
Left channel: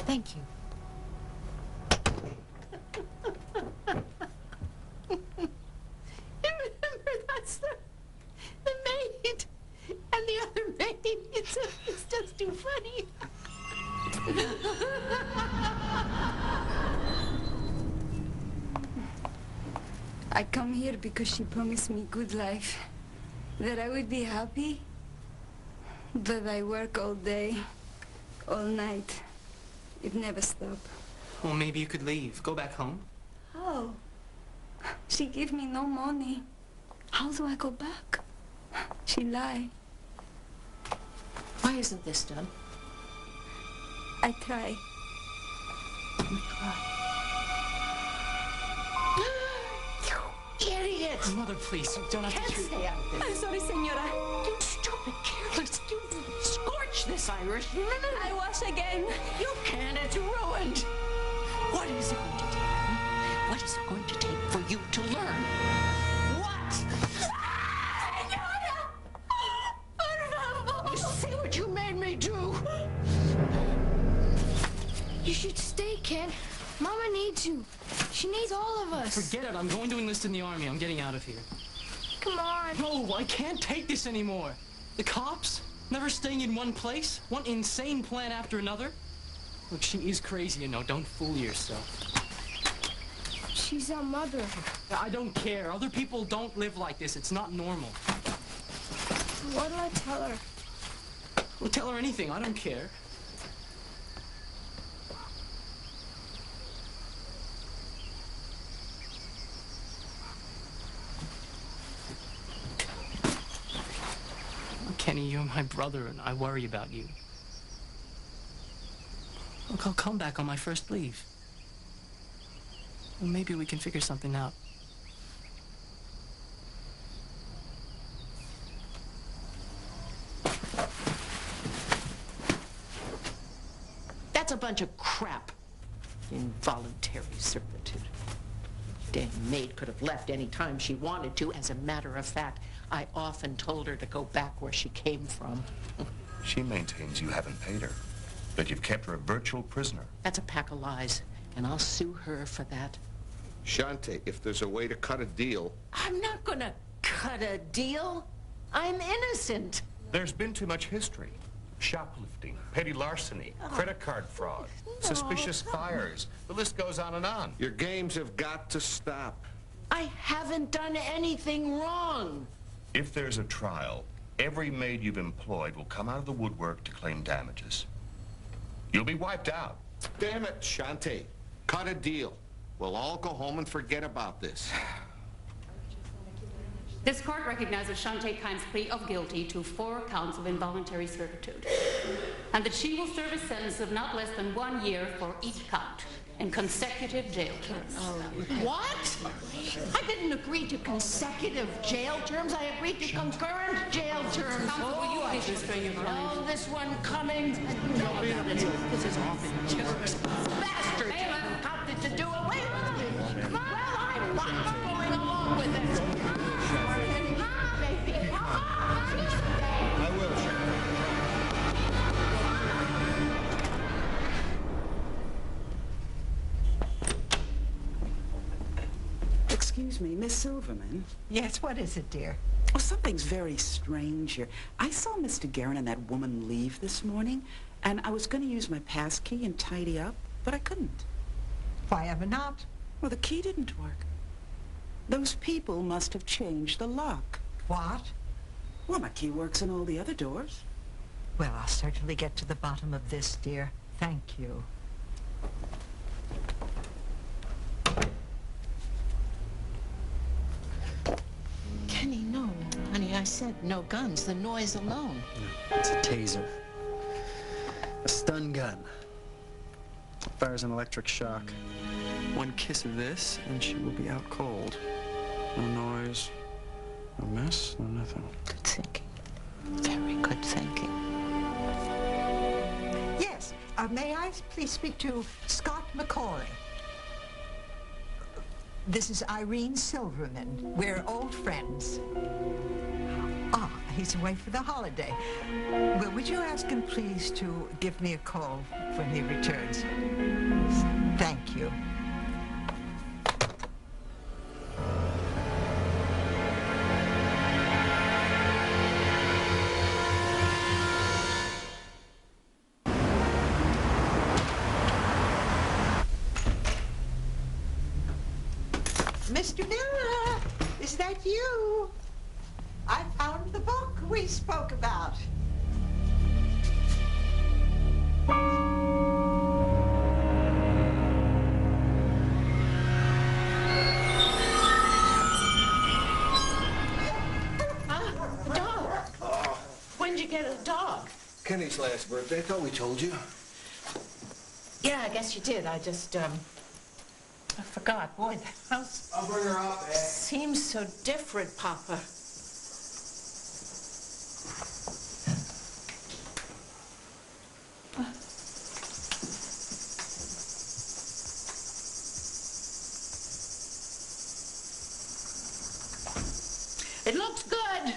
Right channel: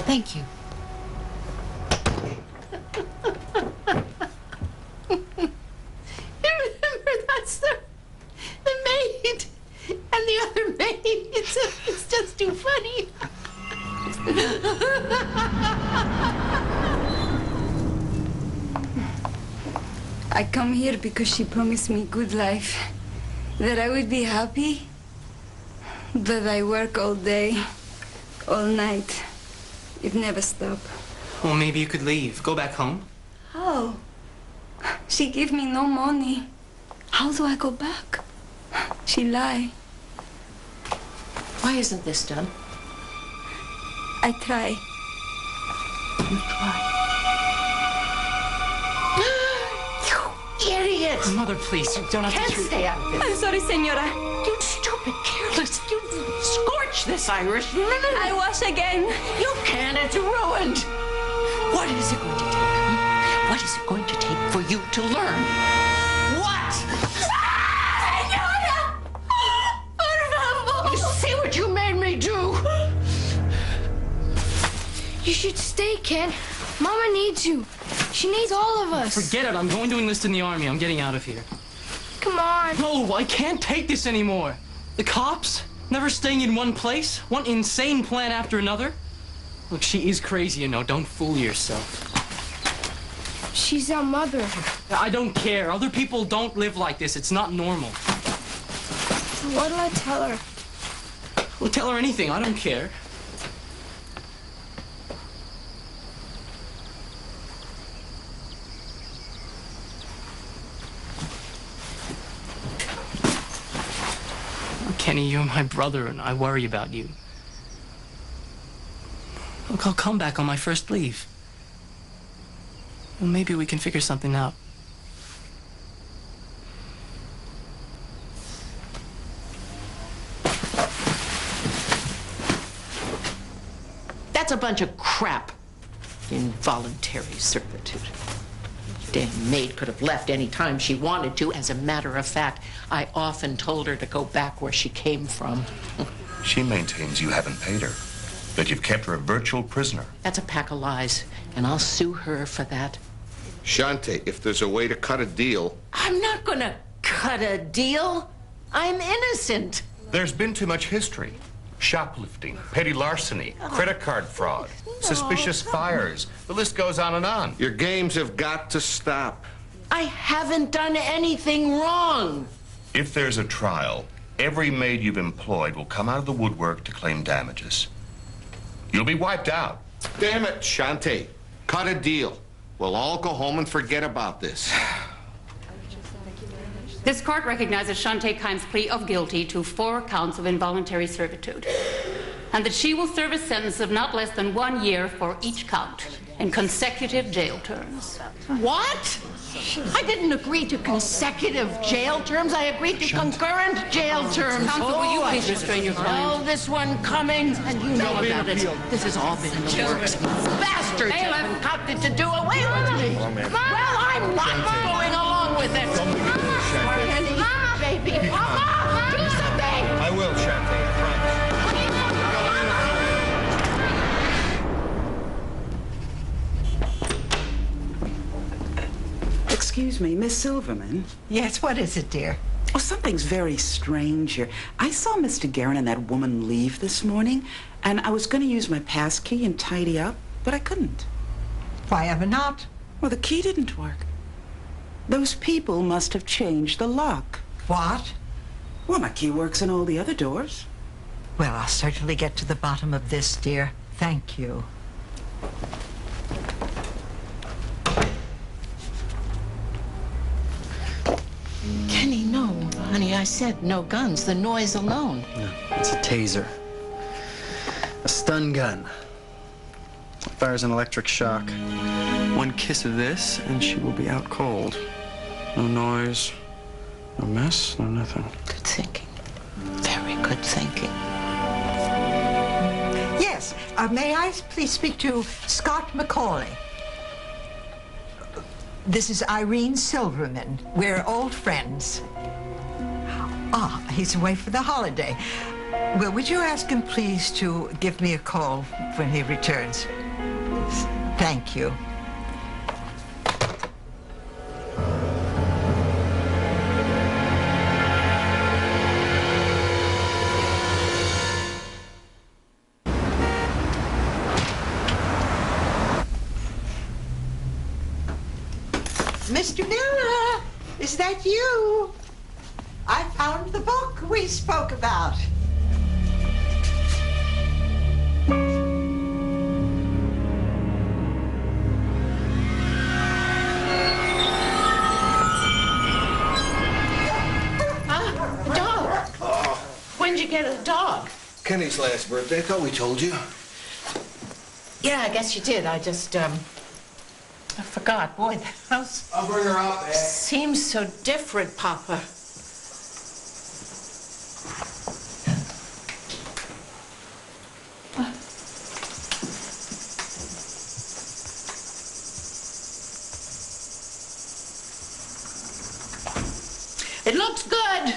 Thank you. Remember, that's the maid and the other maid. It's just too funny. I come here because she promised me good life, that I would be happy, that I work all day, all night. It never stops. Well, maybe you could leave. Go back home. How? She gave me no money. How do I go back? She lied. Why isn't this done? I try. You try. You idiot! Mother, please, you don't have Can't to treat... stay out of this. I'm sorry, senora. You stupid, careless. You scorch this Irish. I wash again. You can't. It's ruined. What is it going to take? Hmm? What is it going to take for you to learn? What? Senora! Por favor! You see what you made me do? You should stay, Ken. Mama needs you. She needs all of us. Forget it. I'm going to enlist in the army. I'm getting out of here. Come on. No, I can't take this anymore. The cops, never staying in one place, one insane plan after another. Look, she is crazy, you know. Don't fool yourself. She's our mother. I don't care. Other people don't live like this. It's not normal. What do I tell her? Well, tell her anything. I don't care. Kenny, you're my brother, and I worry about you. Look, I'll come back on my first leave. Well, maybe we can figure something out. That's a bunch of crap. Involuntary servitude. Damn maid could have left any time she wanted to. As a matter of fact, I often told her to go back where she came from. She maintains you haven't paid her, that you've kept her a virtual prisoner. That's a pack of lies, and I'll sue her for that. Sante, if there's a way to cut a deal... I'm not gonna cut a deal. I'm innocent. There's been too much history. Shoplifting, petty larceny, credit card fraud, suspicious fires. The list goes on and on. Your games have got to stop. I haven't done anything wrong. If there's a trial, every maid you've employed will come out of the woodwork to claim damages. You'll be wiped out. Damn it, Sante. Cut a deal. We'll all go home and forget about this. This court recognizes Sante Kenneth's plea of guilty to 4 counts of involuntary servitude, and that she will serve a sentence of not less than 1 year for each count in consecutive jail terms. What? I didn't agree to consecutive jail terms. I agreed to concurrent jail terms. Counsel, will you please restrain your client? Oh, this one coming, and you know about it. This has all been in the works. Bastards have concocted to do away with me. Well, I'm not going along with it. Kenny, baby, Mama, do something. I will, Sante, I promise. Excuse me, Miss Silverman. Yes, what is it, dear? Oh, something's very strange here. I saw Mr. Guerin and that woman leave this morning, and I was going to use my pass key and tidy up, but I couldn't. Why ever not? Well, the key didn't work. Those people must have changed the lock. What? Well, my key works in all the other doors. Well, I'll certainly get to the bottom of this, dear. Thank you. honey, I said no guns. The noise alone. No, it's a taser. A stun gun. It fires an electric shock. One kiss of this, and she will be out cold. No noise, no mess, no nothing. Good thinking. Very good thinking. Yes, may I please speak to Scott McCauley? This is Irene Silverman. We're old friends. Ah, he's away for the holiday. Well, would you ask him, please, to give me a call when he returns? Thank you. Mr. Miller, is that you? I found the book we spoke about. Dog. When'd you get a dog? Kenny's last birthday. I thought we told you. Yeah, I guess you did. I just, I forgot. Boy, the house... I'll bring her up, seems so different, Papa. It looks good.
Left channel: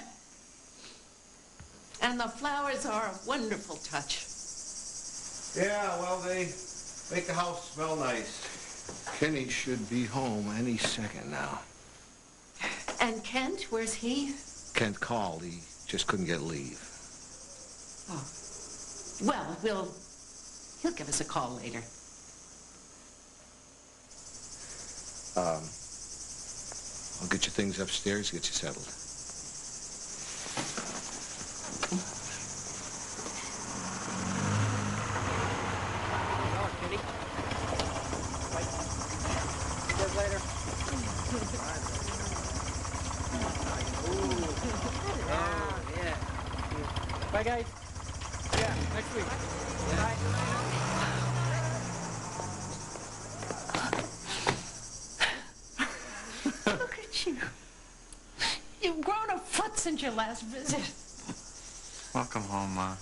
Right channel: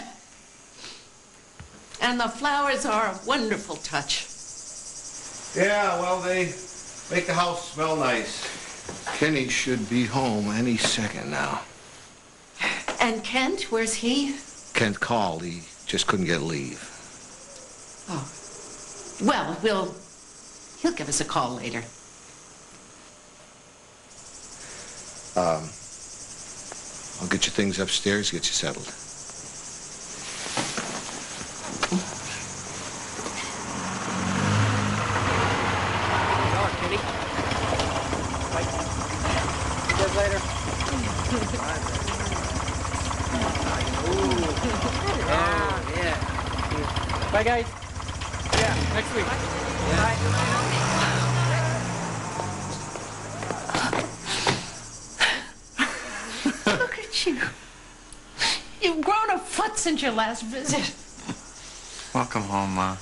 And the flowers are a wonderful touch. Yeah, well, they make the house smell nice. Kenny should be home any second now. And Kent, where's he? Kent called. He just couldn't get leave. Oh. Well, he'll give us a call later. I'll get you things upstairs, get you settled. Kenny. Bye. See you guys later. Oh, yeah. Bye, guys. Yeah, next week. Bye. Look at you. You've grown a foot since your last visit. Welcome home, Ma.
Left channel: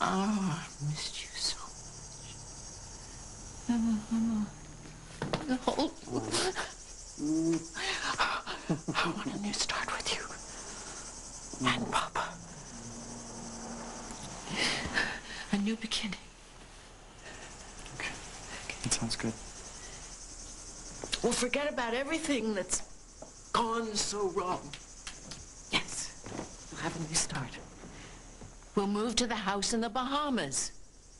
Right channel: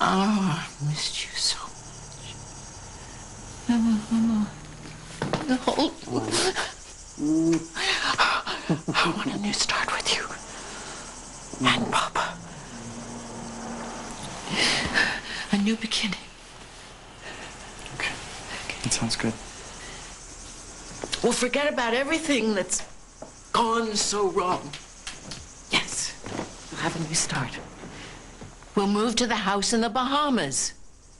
Oh, I missed you so much. The whole... I want a new start with you. And Papa. A new beginning. Okay. That sounds good. We'll forget about everything that's gone so wrong. Yes, we'll have a new start. We'll move to the house in the Bahamas.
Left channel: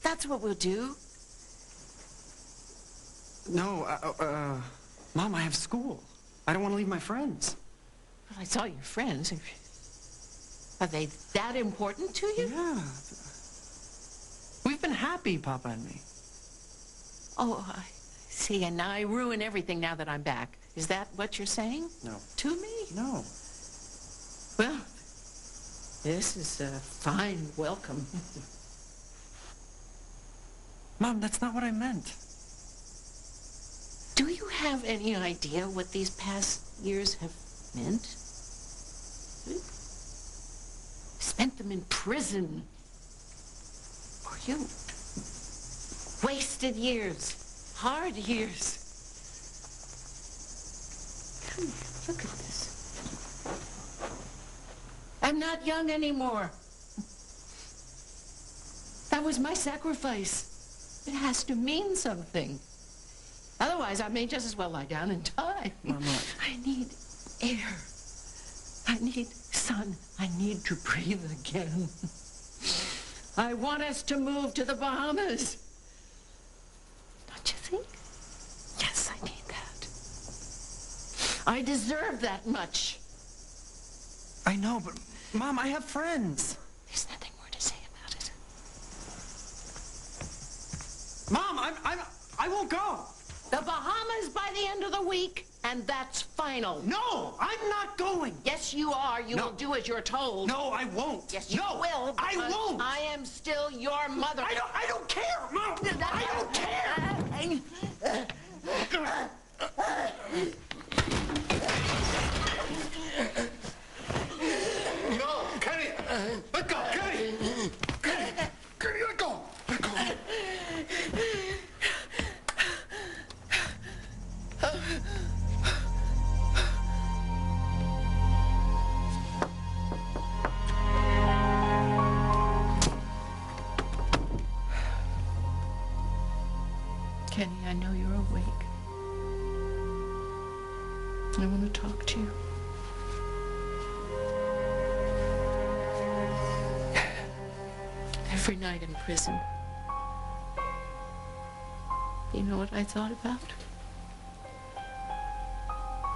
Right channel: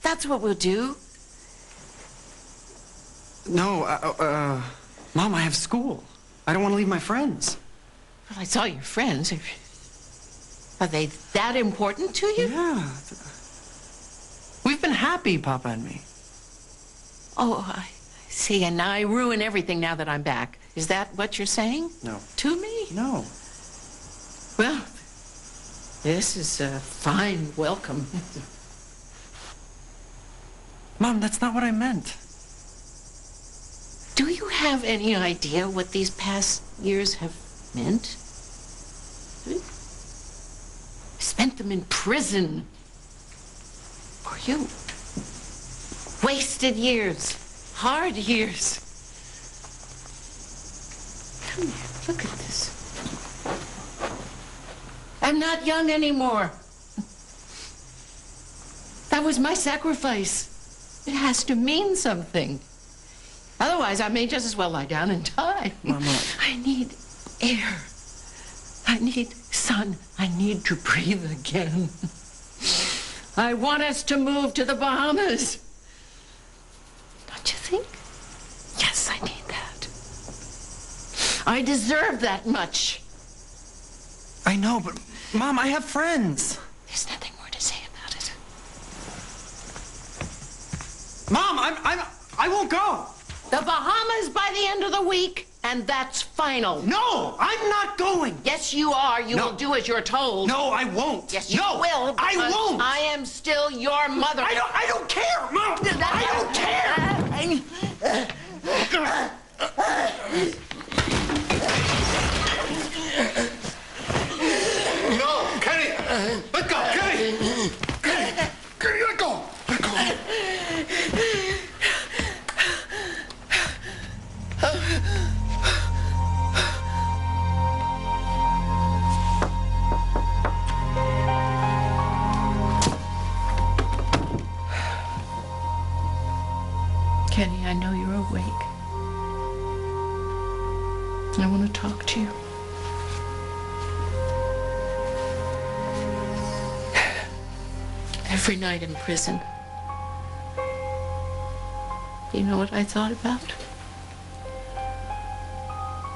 That's what we'll do. No, Mom, I have school. I don't want to leave my friends. Well, I saw your friends. Are they that important to you? Yeah. We've been happy, Papa and me. Oh, I see. And I ruin everything now that I'm back. Is that what you're saying? No. To me? No. Well, this is a fine welcome. Mom, that's not what I meant. Do you have any idea what these past years have meant? Spent them in prison. For you. Wasted years. Hard years. Come here, look at this. I'm not young anymore. That was my sacrifice. It has to mean something. Otherwise, I may just as well lie down and die. Mama. I need air. I need sun. I need to breathe again. I want us to move to the Bahamas. Don't you think? Yes, I need that. I deserve that much. I know, but Mom, I have friends. There's nothing more to say about it. Mom, I won't go. The Bahamas by the end of the week. And that's final. No, I'm not going. Yes, you are. You No. will do as you're told. No, I won't. Yes, you No, will. I because won't. I am still your mother. I don't care, Mom. I don't care. No, Kenny! Let go, Kenny! Kenny, let go! Let go! Kenny, I know you're awake. I want to talk to you. Every night in prison, you know what I thought about?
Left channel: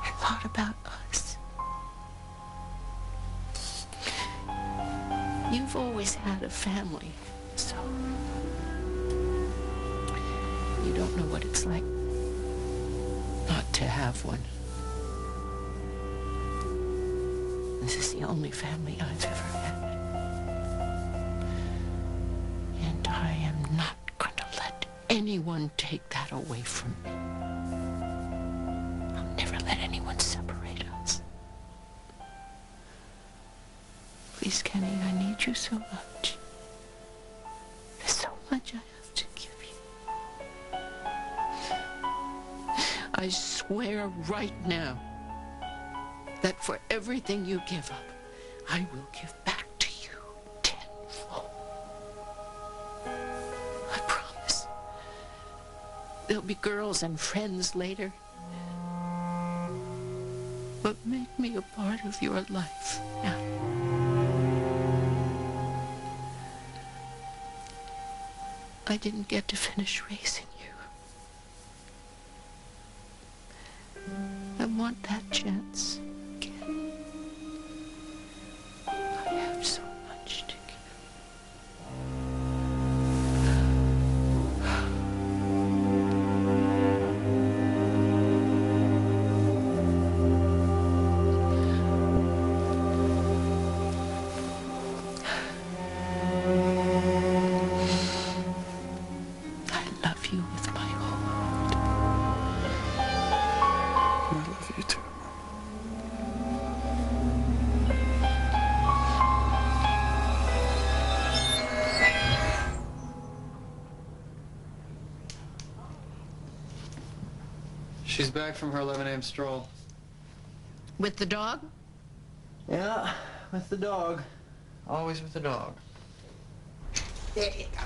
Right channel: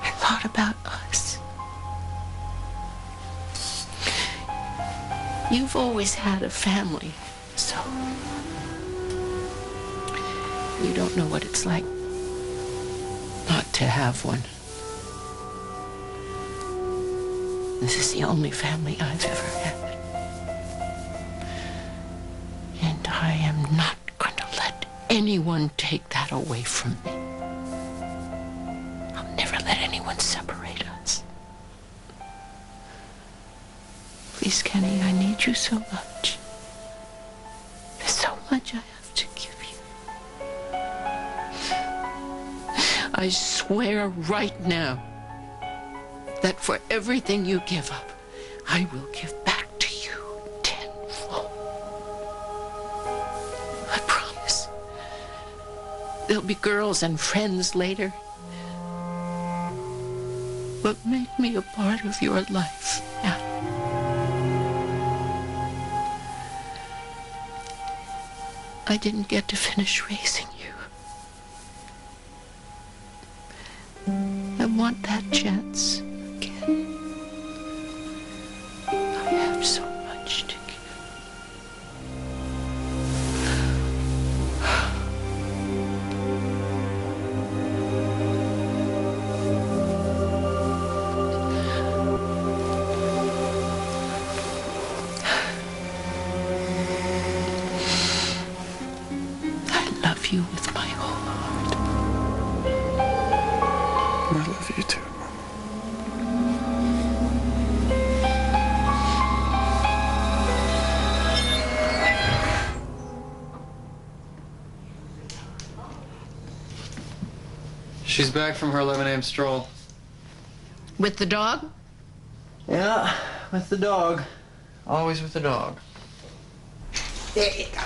I thought about us. You've always had a family, so you don't know what it's like not to have one. This is the only family I've ever had. And I am not going to let anyone take that away from me. I'll never let anyone separate us. Please, Kenny, I need you so much. There's so much I have to give you. I swear right now that for everything you give up, I will give back to you tenfold. I promise. There'll be girls and friends later, but make me a part of your life now. I didn't get to finish raising you. I want that chance again. I have so much to give. I love you with my whole heart. I love you too, Mama. She's back from her 11 a.m. stroll. With the dog? Yeah, with the dog. Always with the dog. There you go.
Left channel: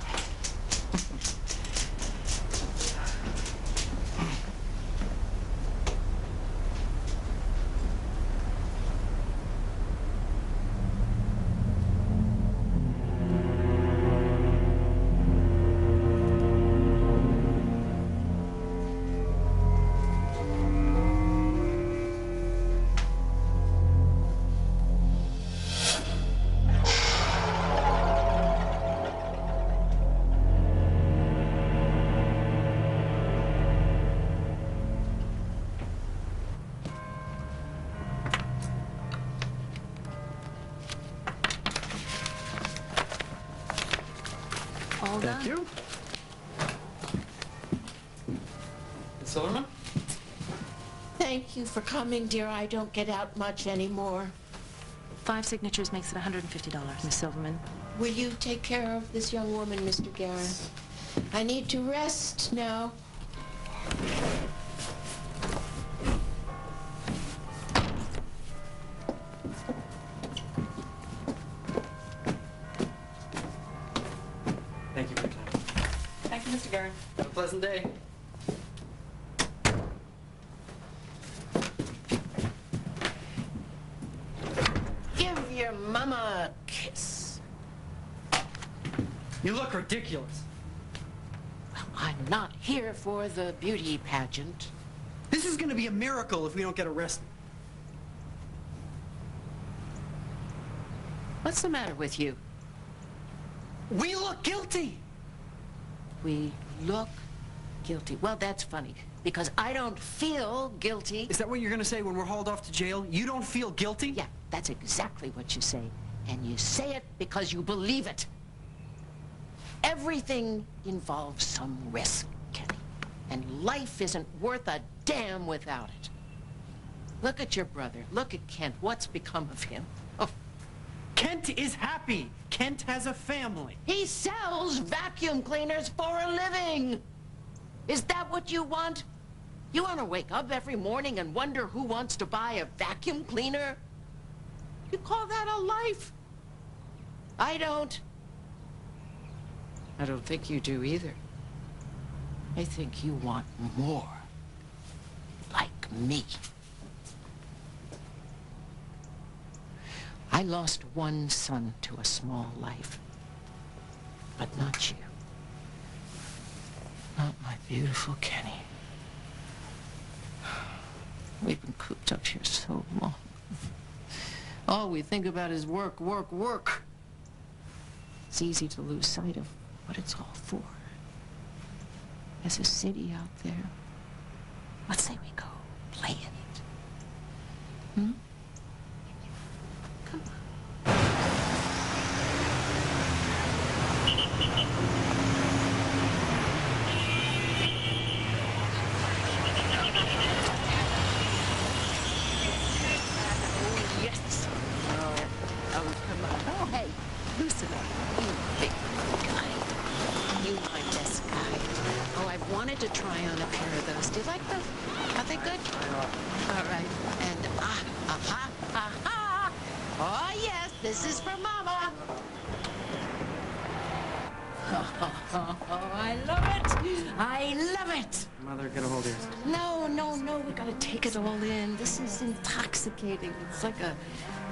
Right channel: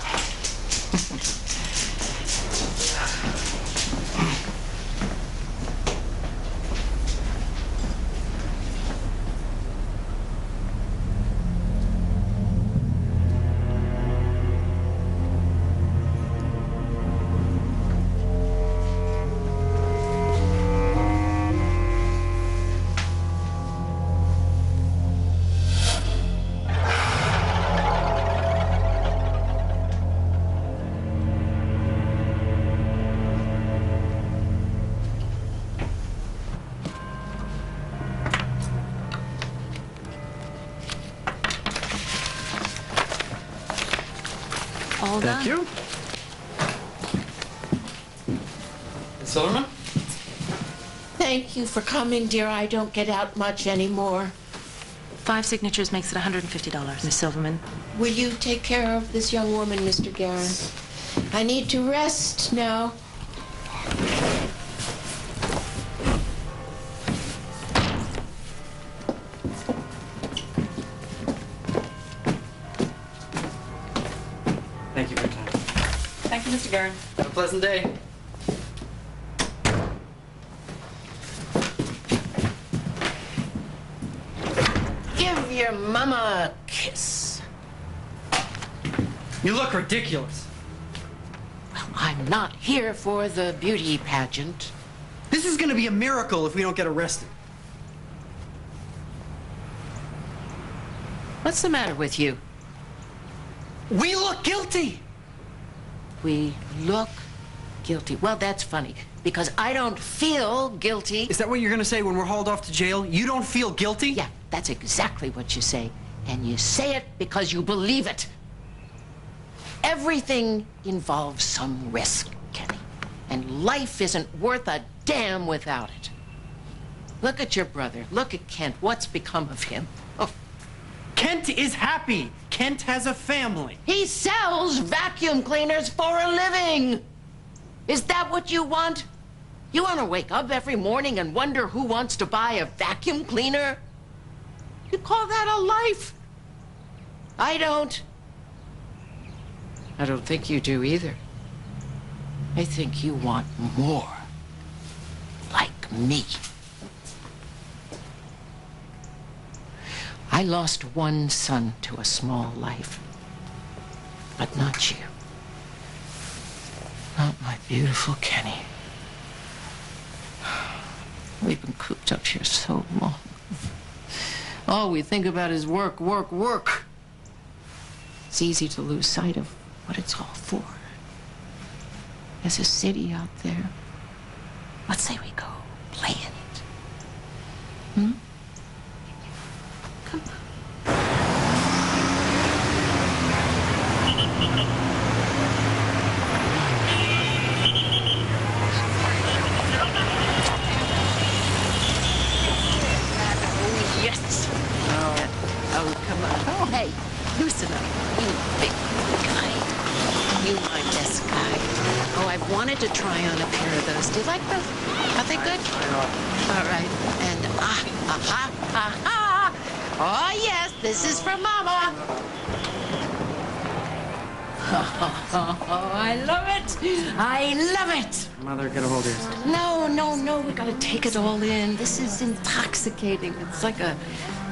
All done. Thank you. Miss Silverman? Thank you for coming, dear. I don't get out much anymore. 5 signatures makes it $150, Miss Silverman. Will you take care of this young woman, Mr. Guerin? I need to rest now. Thank you for your time. Thank you, Mr. Guerin. Have a pleasant day. Give your mama a kiss. You look ridiculous. Well, I'm not here for the beauty pageant. This is gonna be a miracle if we don't get arrested. What's the matter with you? We look guilty. We look guilty. Well, that's funny, because I don't feel guilty. Is that what you're gonna say when we're hauled off to jail? You don't feel guilty? Yeah, that's exactly what you say. And you say it because you believe it. Everything involves some risk, Kenny. And life isn't worth a damn without it. Look at your brother. Look at Kent. What's become of him? Oh. Kent is happy. Kent has a family. He sells vacuum cleaners for a living. Is that what you want? You want to wake up every morning and wonder who wants to buy a vacuum cleaner? You call that a life? I don't. I don't think you do either. I think you want more. Like me. I lost one son to a small life. But not you. Not my beautiful Kenny. We've been cooped up here so long. All we think about is work, work, work. It's easy to lose sight of what it's all for. There's a city out there. Let's say we go play in it. Hmm? Come on. Oh, yes. Oh, come on. Oh, hey, loosen up. You big guy. You my best guy. Oh, I've wanted to try on a pair of those. Do you like those? Are they good? All right. And oh, yes, this is from Mama. Oh, I love it. I love it. Mother, get a hold of yours. No, we gotta take it all in. This is intoxicating. It's like a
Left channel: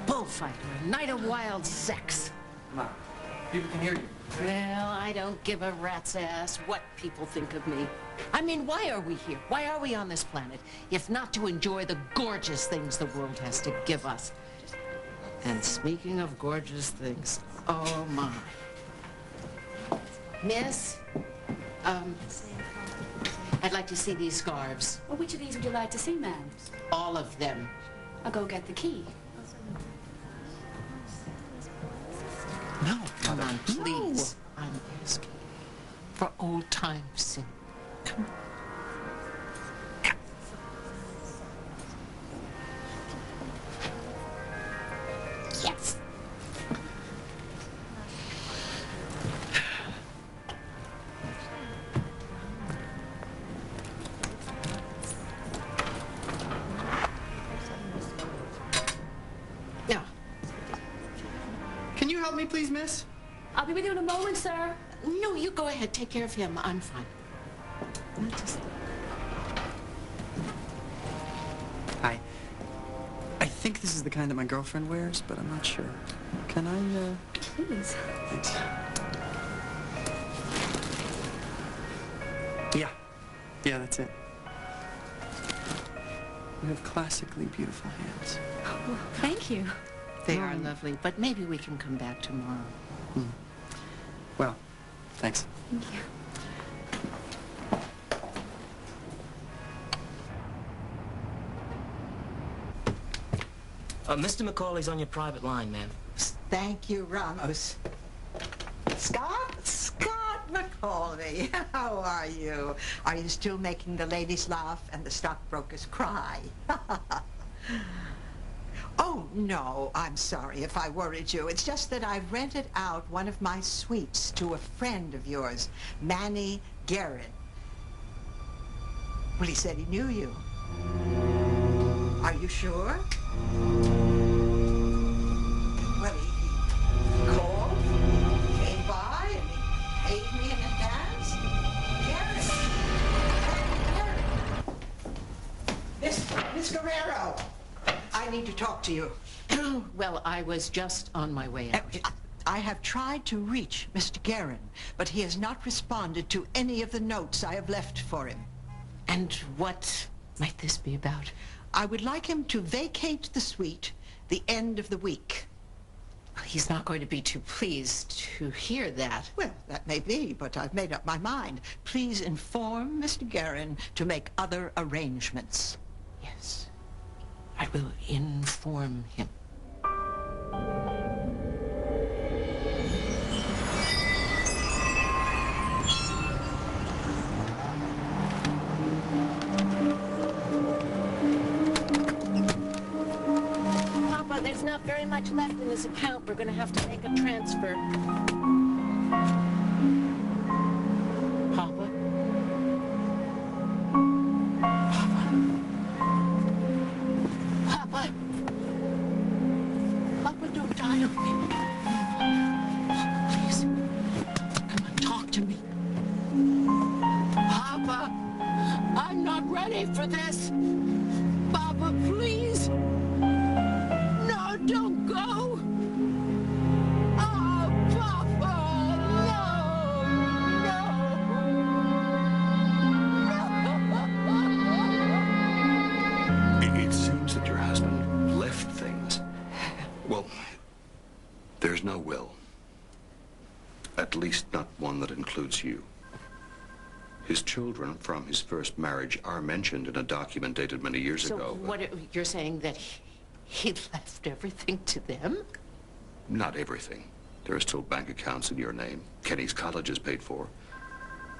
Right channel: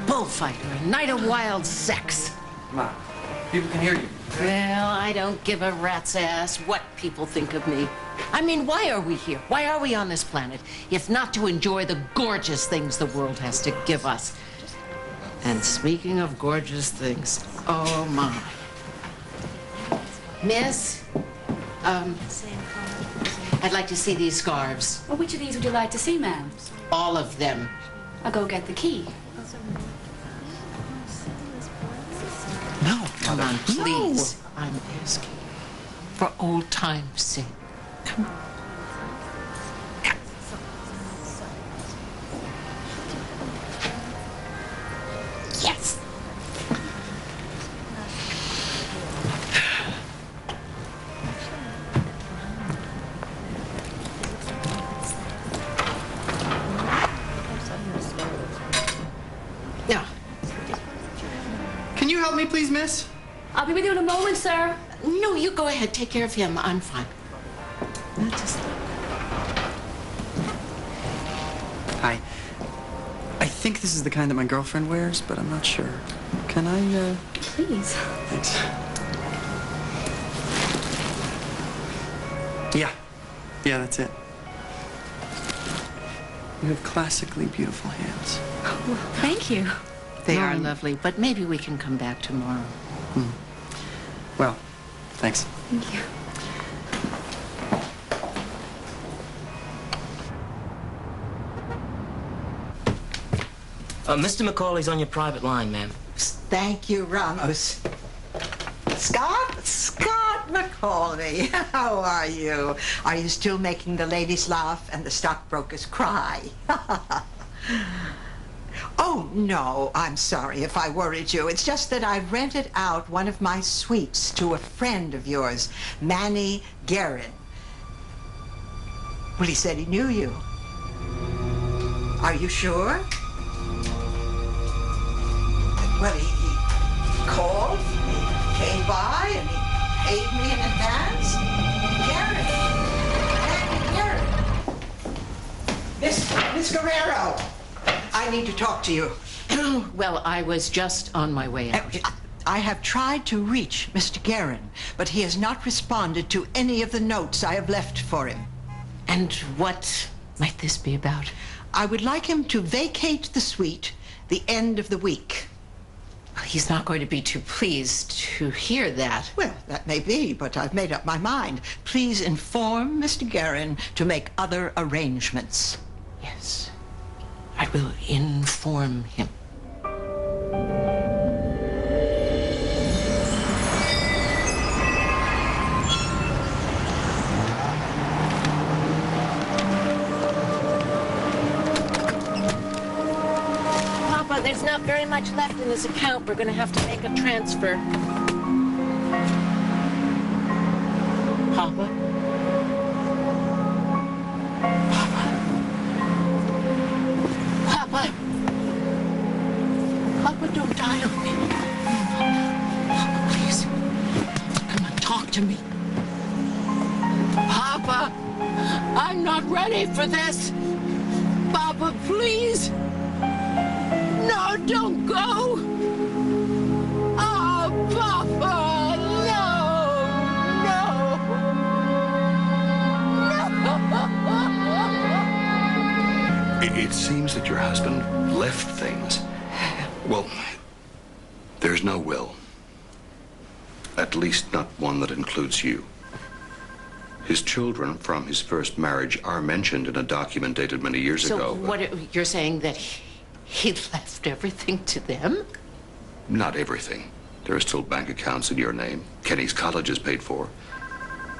bullfight or a night of wild sex. Ma, people can hear you. Well, I don't give a rat's ass what people think of me. I mean, why are we here? Why are we on this planet, if not to enjoy the gorgeous things the world has to give us? And speaking of gorgeous things, oh my. Miss, I'd like to see these scarves. Well, which of these would you like to see, ma'am? All of them. I'll go get the key. No, come on, please. No. I'm asking. For old time's sake. Come on. Yes. Now, can you help me, please, miss? I'll be with you in a moment, sir. No, you go ahead. Take care of him. I'm fine. Hi. I think this is the kind that my girlfriend wears, but I'm not sure. Can I, Please. Thanks. Yeah. Yeah, that's it. You have classically beautiful hands. Oh, well, thank you. They are lovely, but maybe we can come back tomorrow. Well, thanks. Thank you. Mr. Macaulay's on your private line, ma'am. Thank you, Ramos. Scott Macaulay, how are you? Are you still making the ladies laugh and the stockbrokers cry? Oh, no, I'm sorry if I worried you. It's just that I rented out one of my suites to a friend of yours, Manny Guerin. Well, he said he knew you. Are you sure? Well, he called, he came by, and he paid me in advance. Guerin. Manny Guerin. Miss Guerrero. I need to talk to you. Well, I was just on my way out. I have tried to reach Mr. Guerin, but he has not responded to any of the notes I have left for him. And what might this be about? I would like him to vacate the suite the end of the week. He's not going to be too pleased to hear that. Well, that may be, but I've made up my mind. Please inform Mr. Guerin to make other arrangements. Yes, I will inform him. Papa, there's not very much left in this account. We're going to have to make a transfer. Papa? Papa? Papa, don't die on me. Papa, please. Come on, talk to me. Papa, I'm not ready for this. Papa, please. No, don't go. Oh, Papa, no. It seems that your husband left things. Well, there's no will. At least not one that includes you. His children from his first marriage are mentioned in a document dated many years ago. So what, you're saying that he left everything to them? Not everything. There are still bank accounts in your name. Kenny's college is paid for.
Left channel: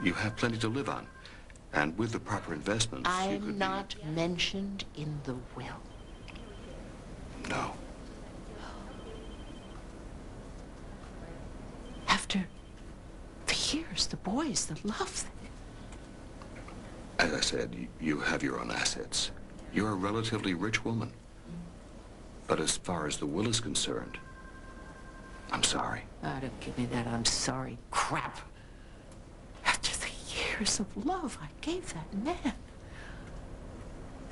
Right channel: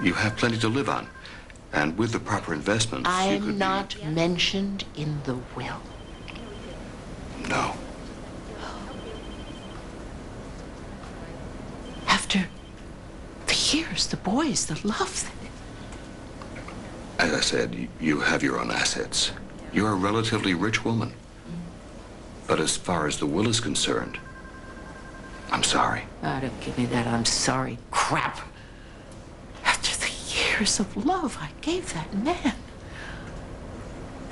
You have plenty to live on. And with the proper investments, you could I'm not mentioned in the will. No. After the years, the boys, the love. As I said, you have your own assets. You're a relatively rich woman. But as far as the will is concerned, I'm sorry. Oh, don't give me that I'm sorry crap. After the years of love I gave that man.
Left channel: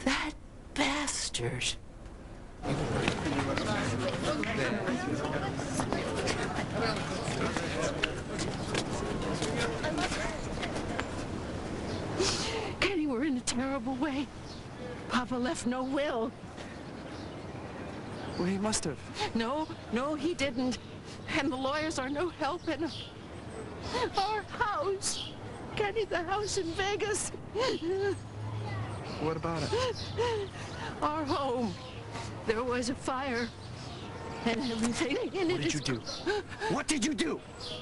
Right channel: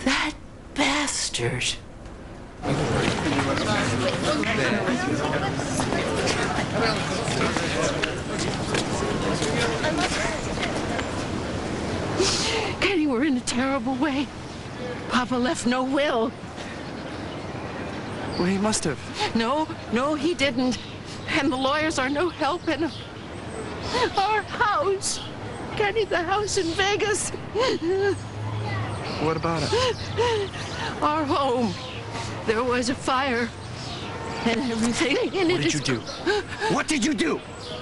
That bastard. Kenny, we're in a terrible way. Papa left no will. Well, he must have. No, he didn't. And the lawyers are no help in our house. Kenny, the house in Vegas. What about it? Our home. There was a fire and everything in it. What did you do? What did you do?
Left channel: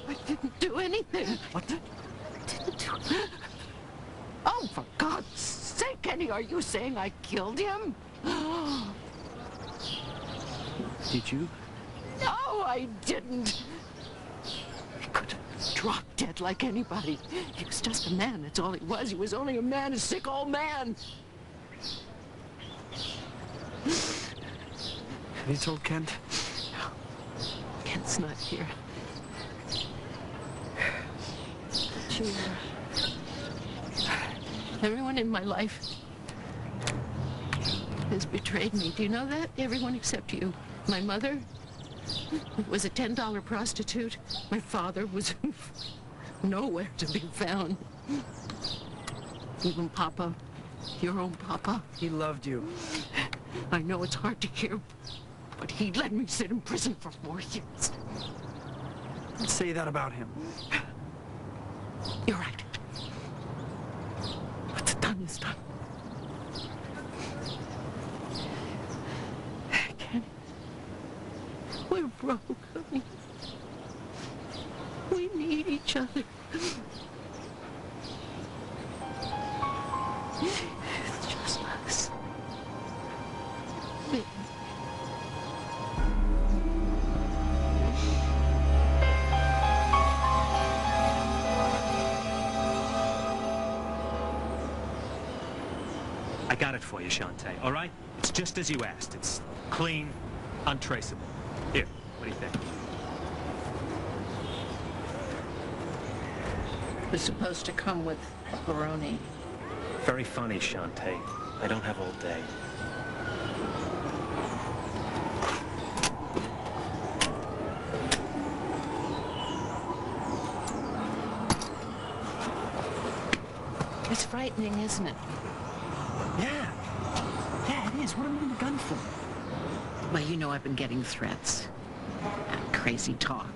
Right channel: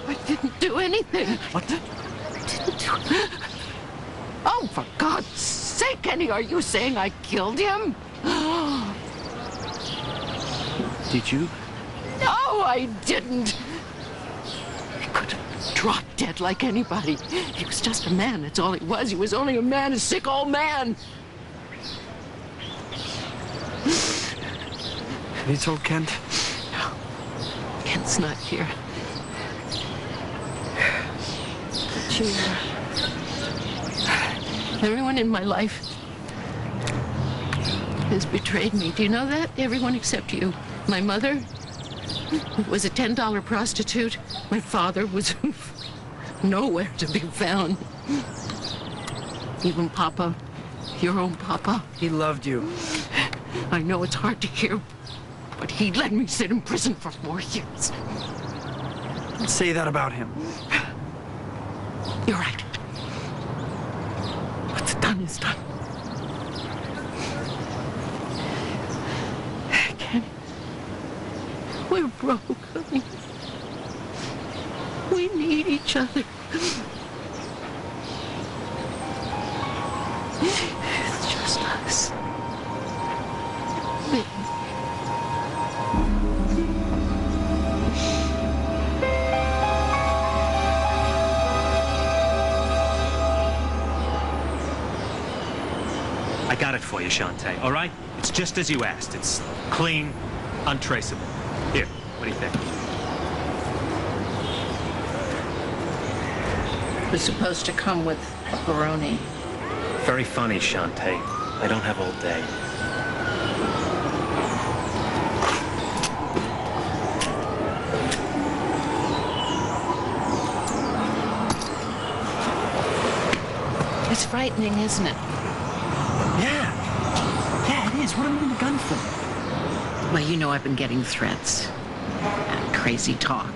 I didn't do anything. What? I didn't do it. Oh, for God's sake, Kenny, are you saying I killed him? Did you? No, I didn't. He could have dropped dead like anybody. He was just a man, that's all he was. He was only a man, a sick old man. Have you told Kent? No. Kent's not here. But you... Everyone in my life has betrayed me. Do you know that? Everyone except you. My mother was a $10 prostitute. My father was nowhere to be found. Even Papa, your own Papa. He loved you. I know it's hard to hear, but he let me sit in prison for 4 years. Don't say that about him. You're right. What's done is done. Kenny, we're broke, honey. We need each other. It's just us. I got it for you, Sante, all right? It's just as you asked. It's clean, untraceable. Here, what do you think? It was supposed to come with pepperoni. Very funny, Sante. I don't have all day. It's frightening, isn't it? Yeah, it is. What am I in the gun for? Well, you know I've been getting threats. And crazy talk.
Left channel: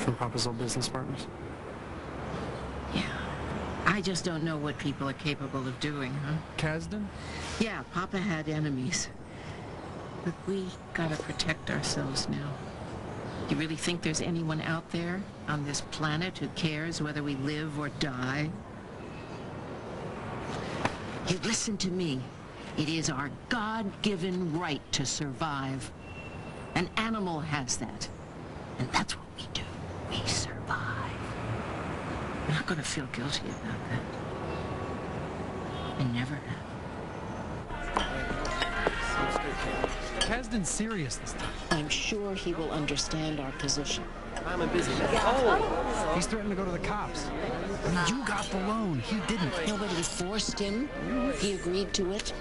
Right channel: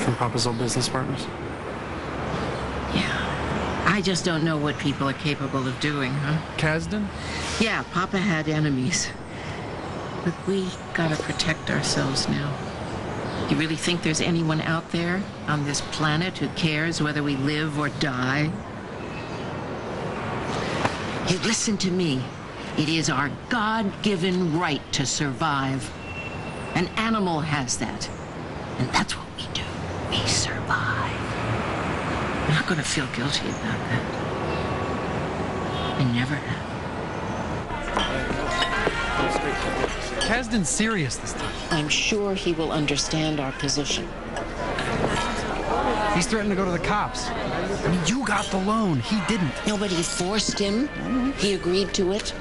From Papa's old business partners? I just don't know what people are capable of doing, huh? Kasdan? Yeah, Papa had enemies. But we gotta protect ourselves now. You really think there's anyone out there on this planet who cares whether we live or die? Hey, listen to me. It is our God-given right to survive. An animal has that. And that's what we do. We survive. I'm not gonna feel guilty about that. I never have. Kasdan's serious this time. I'm sure he will understand our position. He's threatened to go to the cops. I mean, you got the loan. He didn't. Nobody forced him. He agreed to it.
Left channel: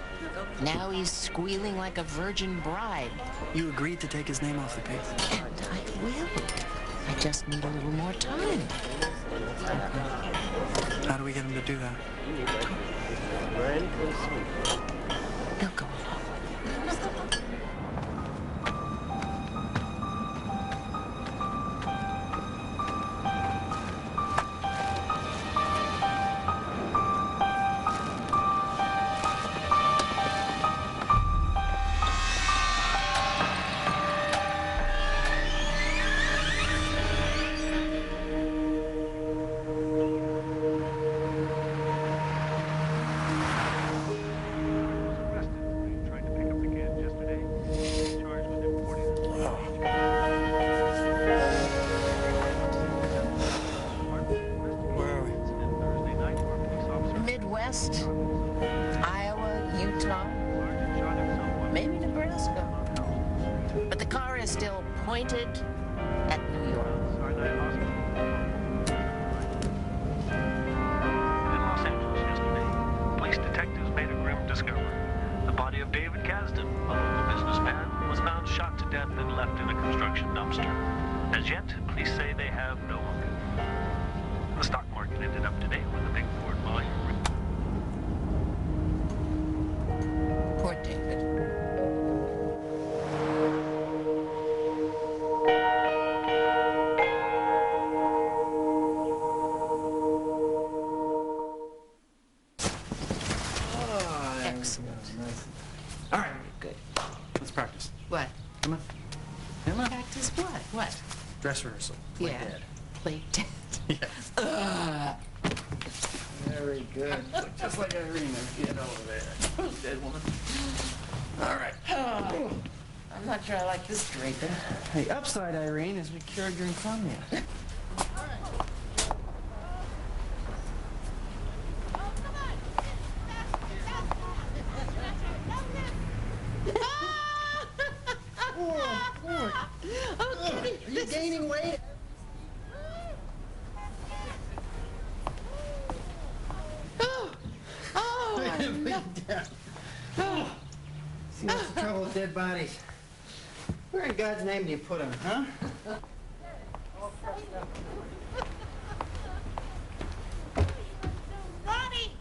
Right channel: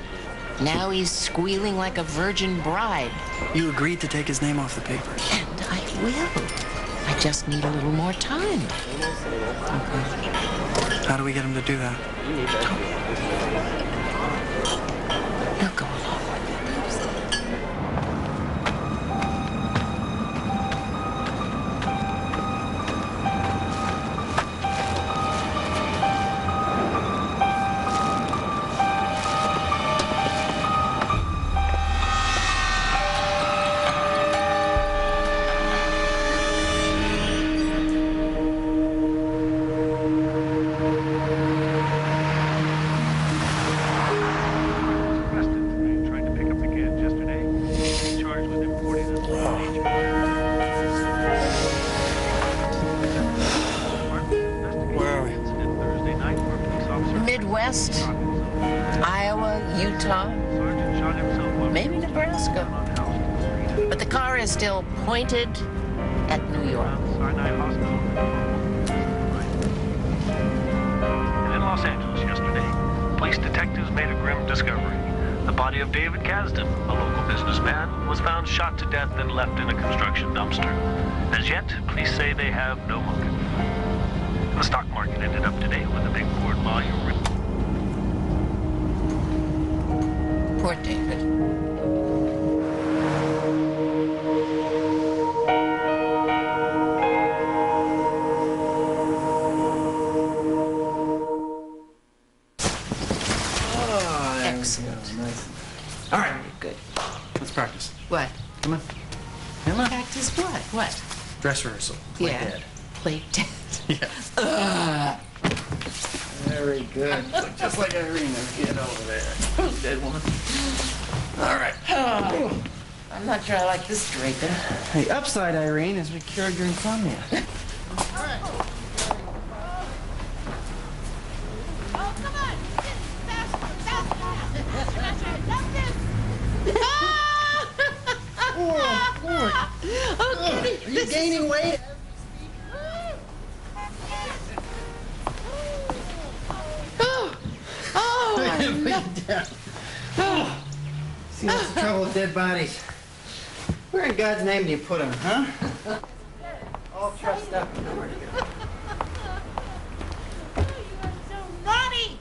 Now he's squealing like a virgin bride. You agreed to take his name off the paper. And I will. I just need a little more time. Okay. How do we get him to do that? He'll go along with it. Midwest, Iowa, Utah, maybe Nebraska. But the car is still pointed at New York. And in Los Angeles yesterday, police detectives made a grim discovery. The body of David Kasdan, a local businessman, was found shot to death and left in a construction dumpster. As yet, police say they have no motive. The stock market ended up today with a big forward volume. Poor David. Oh, excellent. Nice. All right. Good. Let's practice. What? Come on. Come on. Practice what? What? Dress rehearsal. Play Yeah. dead. Play dead. Yeah. Very good. Look just like Irene, get over there. Dead woman. All right. Oh, I'm not sure I like this draping. Hey, upside, Irene, as we cured your insomnia. Okay. Are you gaining weight? See, what's the trouble with dead bodies? Where in God's name do you put them, huh? All trussed up. Where'd he go? Naughty!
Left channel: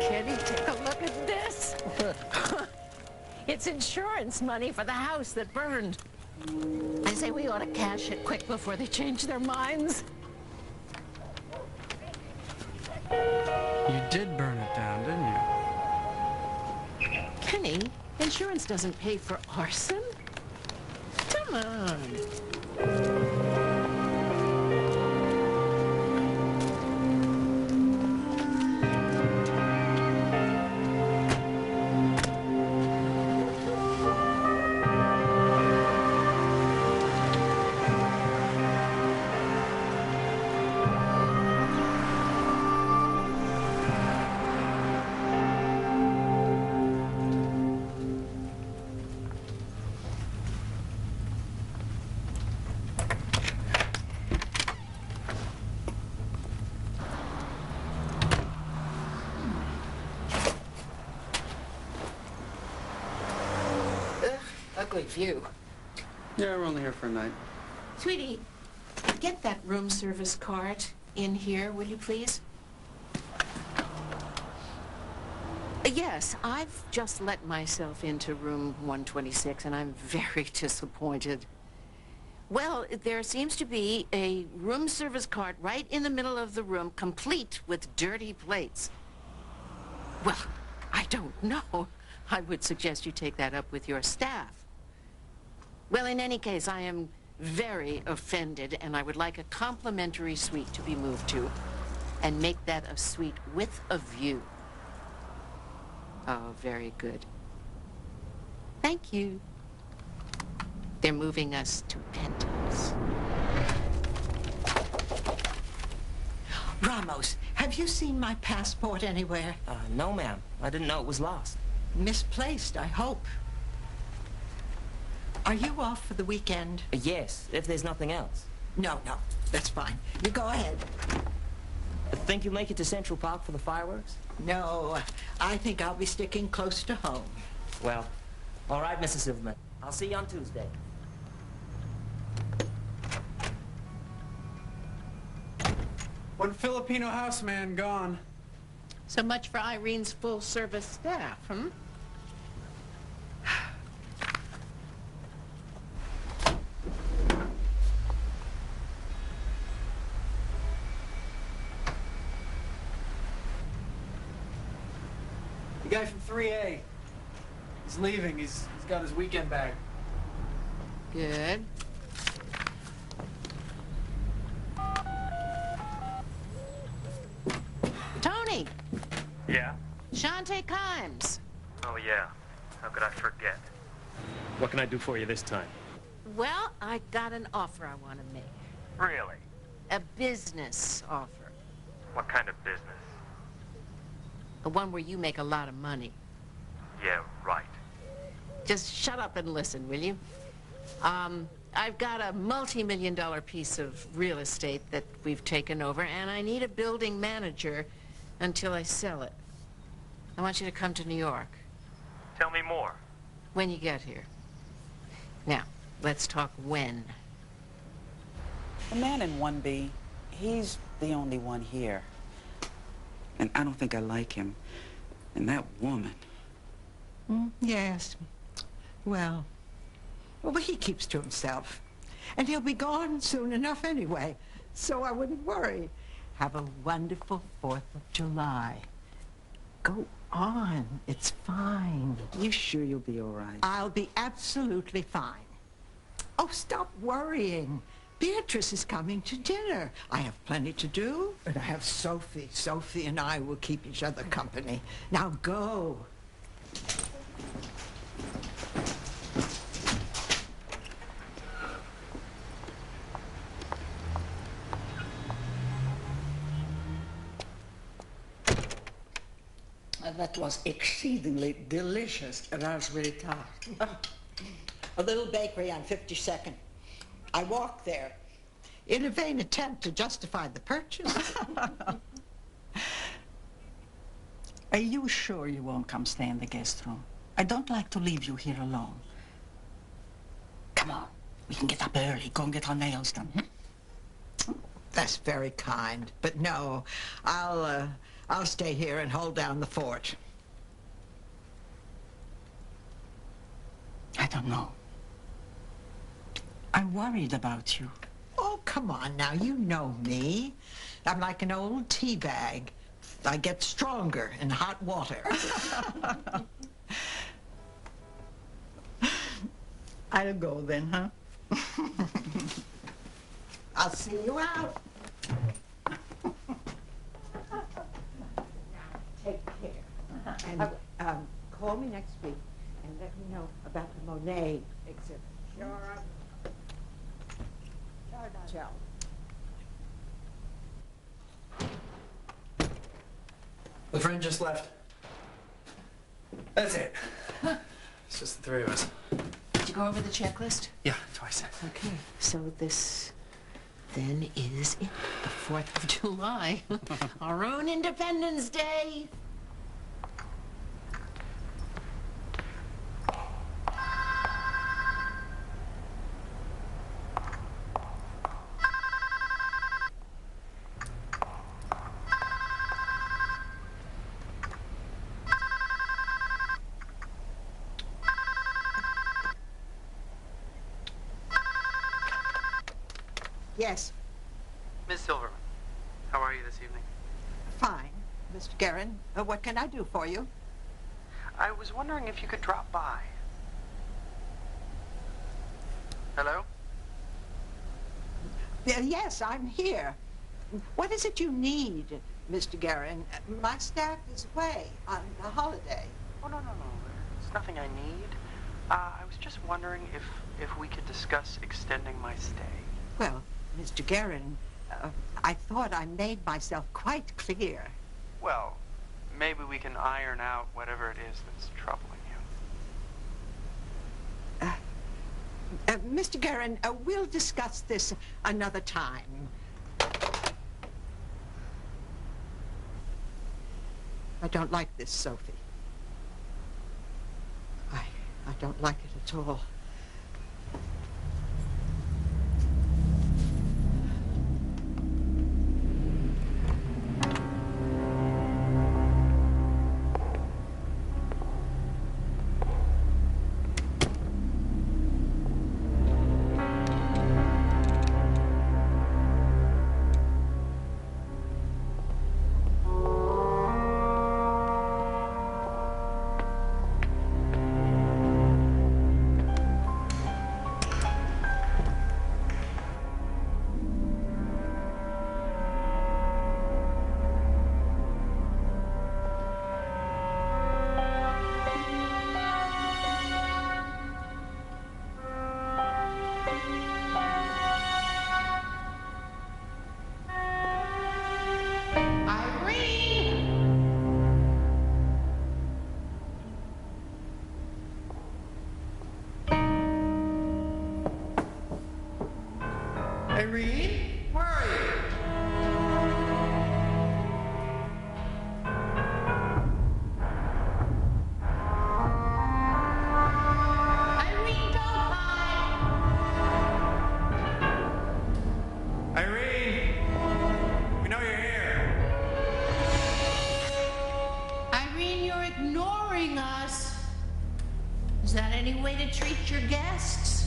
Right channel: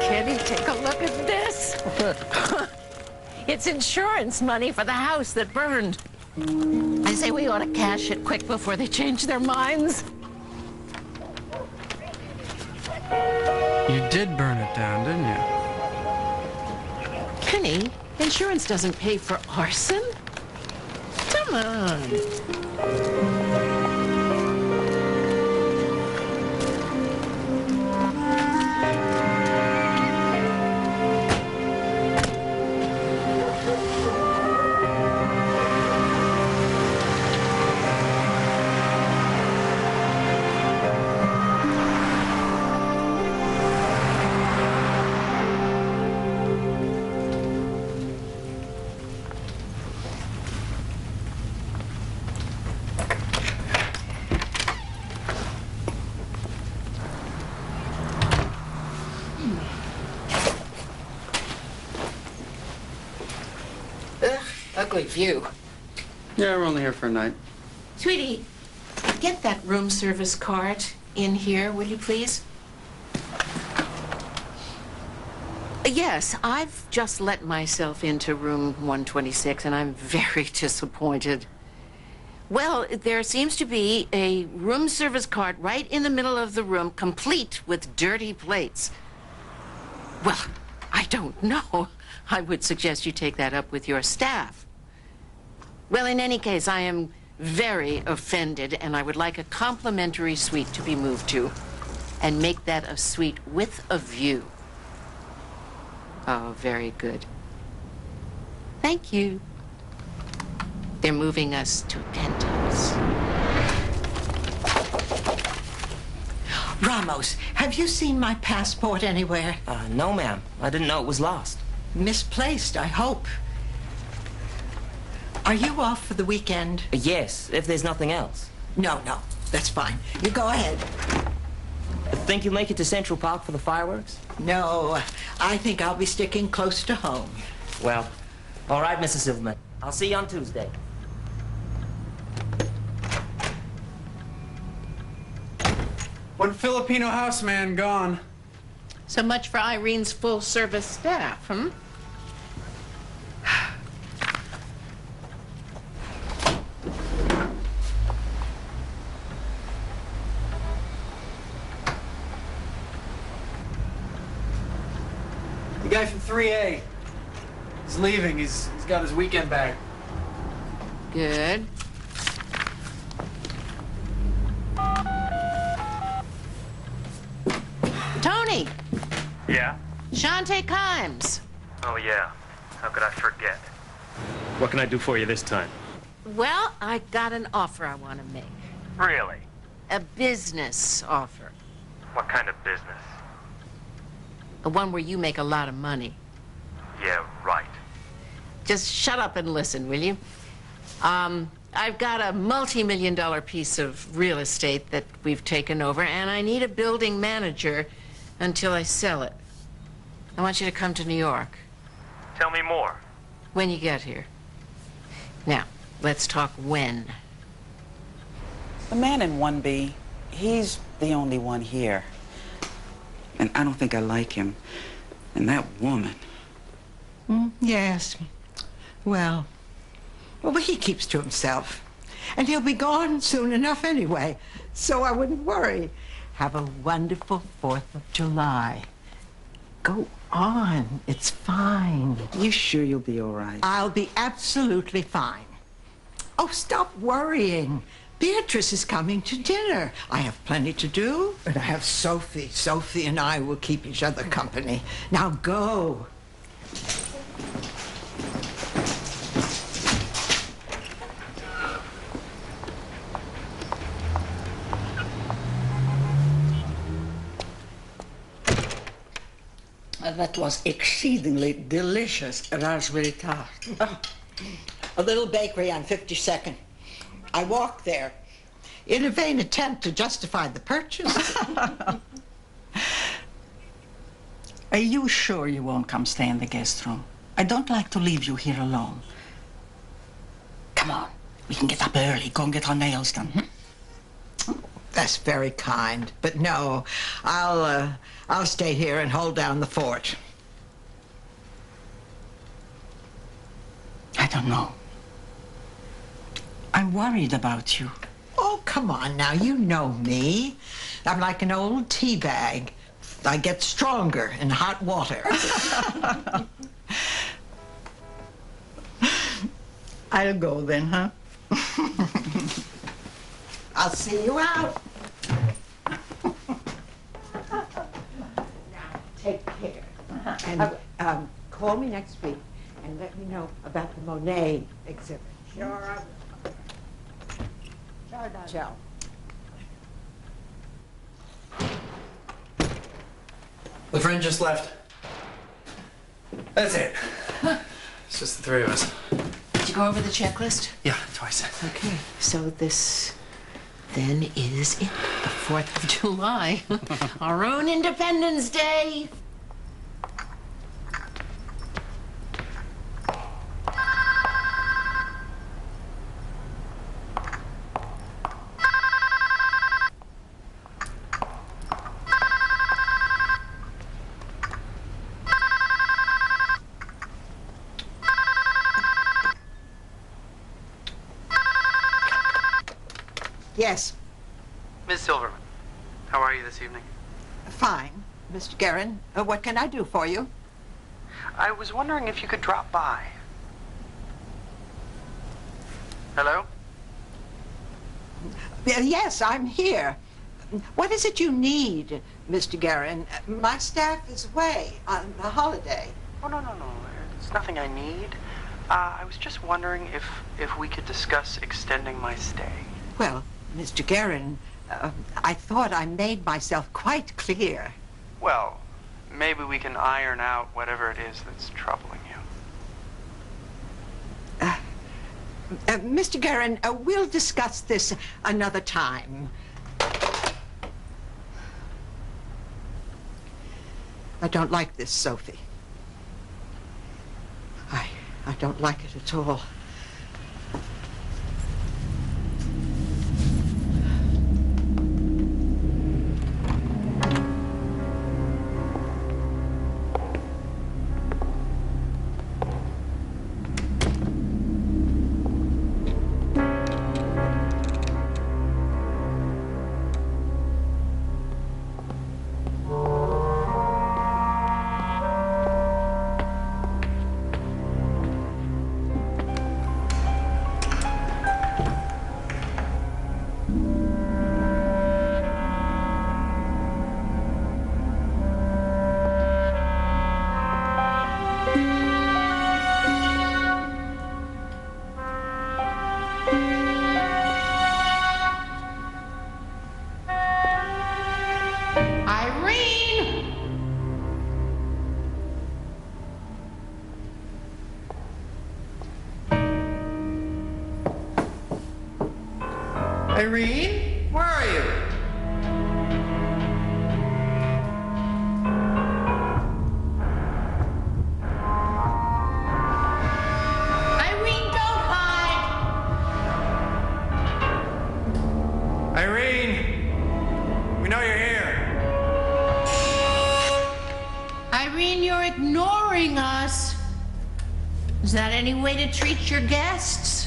Kenny, take a look at this. It's insurance money for the house that burned. I say we ought to cash it quick before they change their minds. You did burn it down, didn't you? Kenny, insurance doesn't pay for arson. Come on. Ugh, ugly view. Yeah, we're only here for a night. Sweetie, get that room service cart in here, will you please? Yes, I've just let myself into room 126, and I'm very disappointed. Well, there seems to be a room service cart right in the middle of the room, complete with dirty plates. Well, I don't know. I would suggest you take that up with your staff. Well, in any case, I am very offended, and I would like a complimentary suite to be moved to, and make that a suite with a view. Oh, very good. Thank you. They're moving us to a penthouse. Ramos, have you seen my passport anywhere? No, ma'am. I didn't know it was lost. Misplaced, I hope. Are you off for the weekend? Yes, if there's nothing else. No, that's fine. You go ahead. Think you'll make it to Central Park for the fireworks? No, I think I'll be sticking close to home. Well, all right, Mrs. Silverman. I'll see you on Tuesday. One Filipino houseman gone. So much for Irene's full-service staff, hmm? The guy from 3A. He's leaving. He's got his weekend bag. Good. Tony! Yeah? Sante Kenneth. Oh, yeah. How could I forget? What can I do for you this time? Well, I got an offer I want to make. Really? A business offer. What kind of business? The one where you make a lot of money. Yeah, right. Just shut up and listen, will you? I've got a multi-million-dollar piece of real estate that we've taken over, and I need a building manager until I sell it. I want you to come to New York. Tell me more. When you get here. Now, let's talk when. The man in 1B, he's the only one here. And I don't think I like him. And that woman. Yes. Well, he keeps to himself. And he'll be gone soon enough anyway, so I wouldn't worry. Have a wonderful 4th of July. Go on. It's fine. You sure you'll be all right? I'll be absolutely fine. Oh, stop worrying. Beatrice is coming to dinner. I have plenty to do, and I have Sophie. Sophie and I will keep each other company. Now go. That was exceedingly delicious raspberry tart. Oh, a little bakery on 52nd. I walked there in a vain attempt to justify the purchase. Are you sure you won't come stay in the guest room? I don't like to leave you here alone. Come on, we can get up early, go and get our nails done. That's very kind, but no, I'll stay here and hold down the fort. I don't know. I'm worried about you. Oh, come on now, you know me. I'm like an old tea bag. I get stronger in hot water. I'll go then, huh? I'll see you out. Now, take care. And call me next week and let me know about the Monet exhibit. Sure, I will. Ciao. The friend just left. That's it. It's just the three of us. Did you go over the checklist? Yeah, twice. Okay, so this then is it, the 4th of July. Our own Independence Day. Yes. Ms. Silverman, how are you this evening? Fine. Mr. Guerin, what can I do for you? I was wondering if you could drop by. Hello? Yes, I'm here. What is it you need, Mr. Guerin? My staff is away on a holiday. Oh, no. It's nothing I need. I was just wondering if we could discuss extending my stay. Well, Mr. Guerin, I thought I made myself quite clear. Well, maybe we can iron out whatever it is that's troubling you. Mr. Guerin, we'll discuss this another time. I don't like this, Sophie. I don't like it at all. Irene? Where are you? Irene, don't hide! Irene! We know you're here. Irene, you're ignoring us. Is that any way to treat your guests?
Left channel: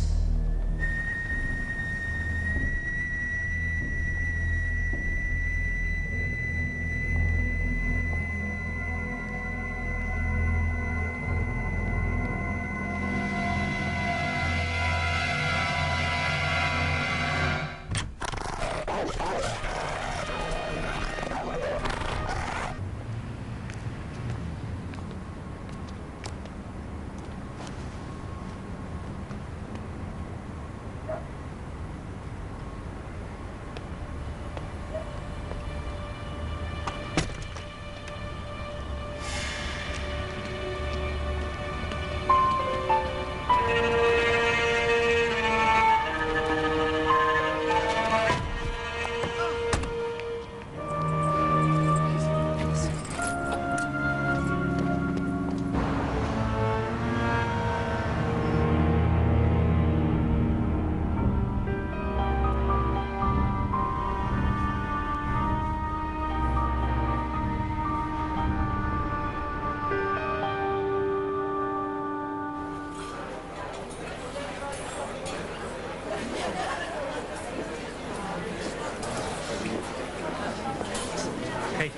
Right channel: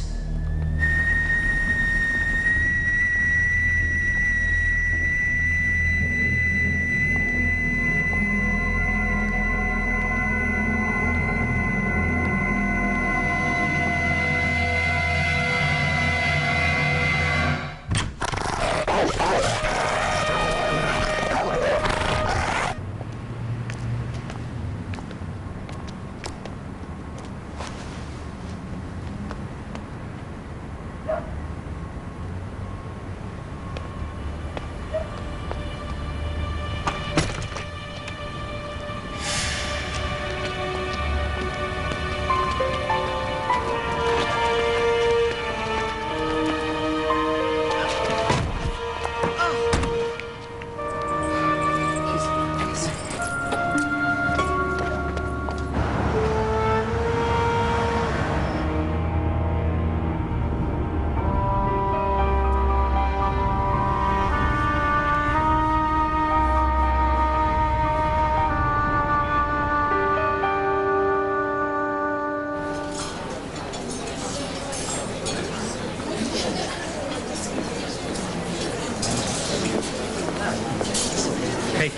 Hey,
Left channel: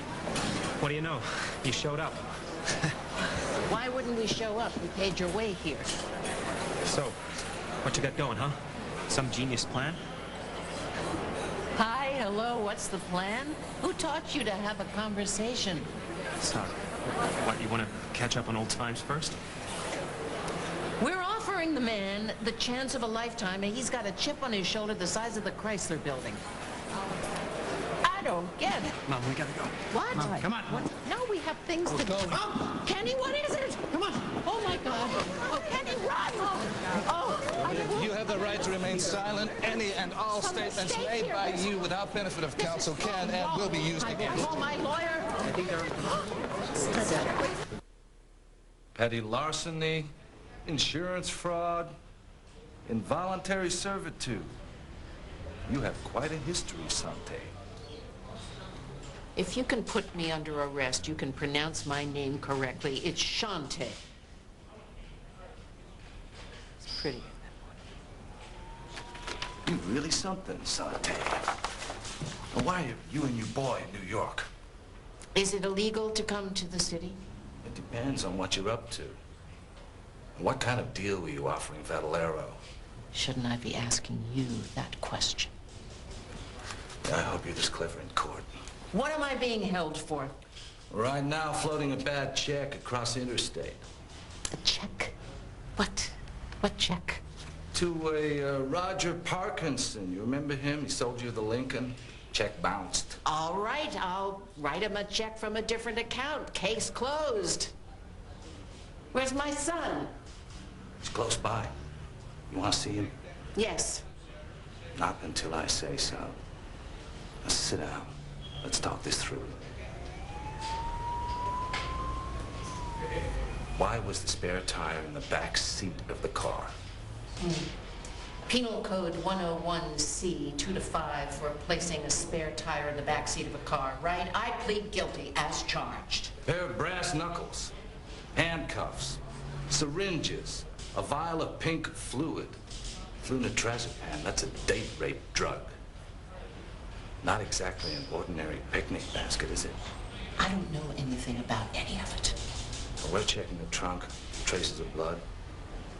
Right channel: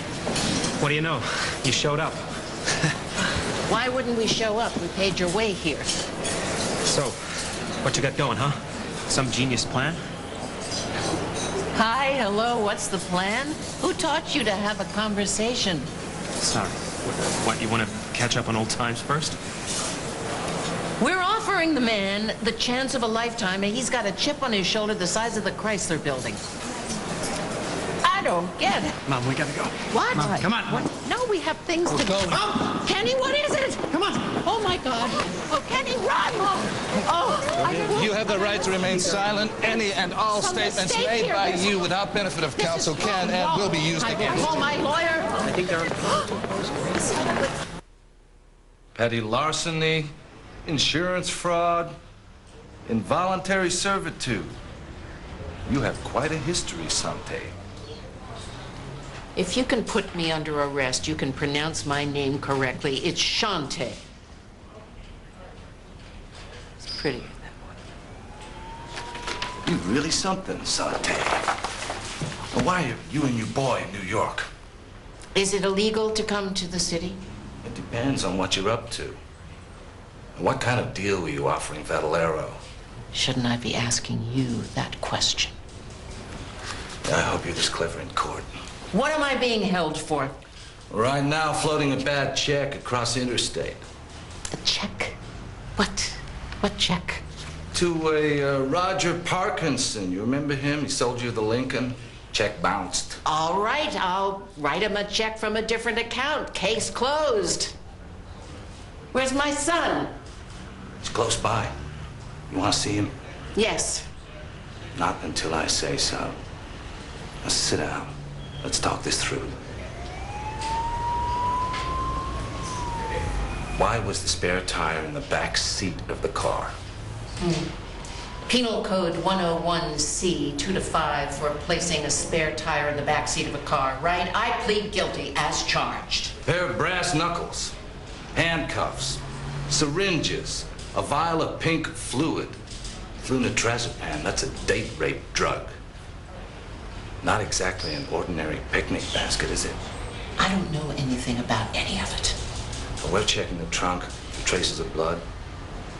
what do you know? You showed up. Why wouldn't we show up? We paid your way here. So, what you got going, huh? Some genius plan? Hi, hello, what's the plan? Who taught you to have a conversation? Sorry. What, you want to catch up on old times first? We're offering the man the chance of a lifetime, and he's got a chip on his shoulder the size of the Chrysler building. I don't get it. Mom, we gotta go. What? Mom, come on. What? No, we have things to go. Oh, Kenny, what is it? Come on. Oh, my God. Oh, Kenny, run. Oh, You have the right to remain silent. Any and all statements made by you without benefit of counsel can and will be used against you. Call my lawyer. I think they're... Petty larceny, insurance fraud, involuntary servitude. You have quite a history, Sante. If you can put me under arrest, you can pronounce my name correctly. It's Sante. It's prettier that way. You're really something, Sante. Why are you and your boy in New York? Is it illegal to come to the city? It depends on what you're up to. And what kind of deal were you offering Vadalero? Shouldn't I be asking you that question? I hope you're this clever in court. What am I being held for? Right now, floating a bad check across the interstate. A check? What? What check? To a Roger Parkinson. You remember him? He sold you the Lincoln. Check bounced. All right, I'll write him a check from a different account. Case closed. Where's my son? He's close by. You want to see him? Yes. Not until I say so. Now sit down. Let's talk this through. Why was the spare tire in the back seat of the car? Penal Code 101C 2 to 5 for placing a spare tire in the back seat of a car, right? I plead guilty as charged. Pair of brass knuckles, handcuffs, syringes, a vial of pink fluid, flunitrazepam. That's a date rape drug. Not exactly an ordinary picnic basket, is it? I don't know anything about any of it. Well, we're checking the trunk for traces of blood.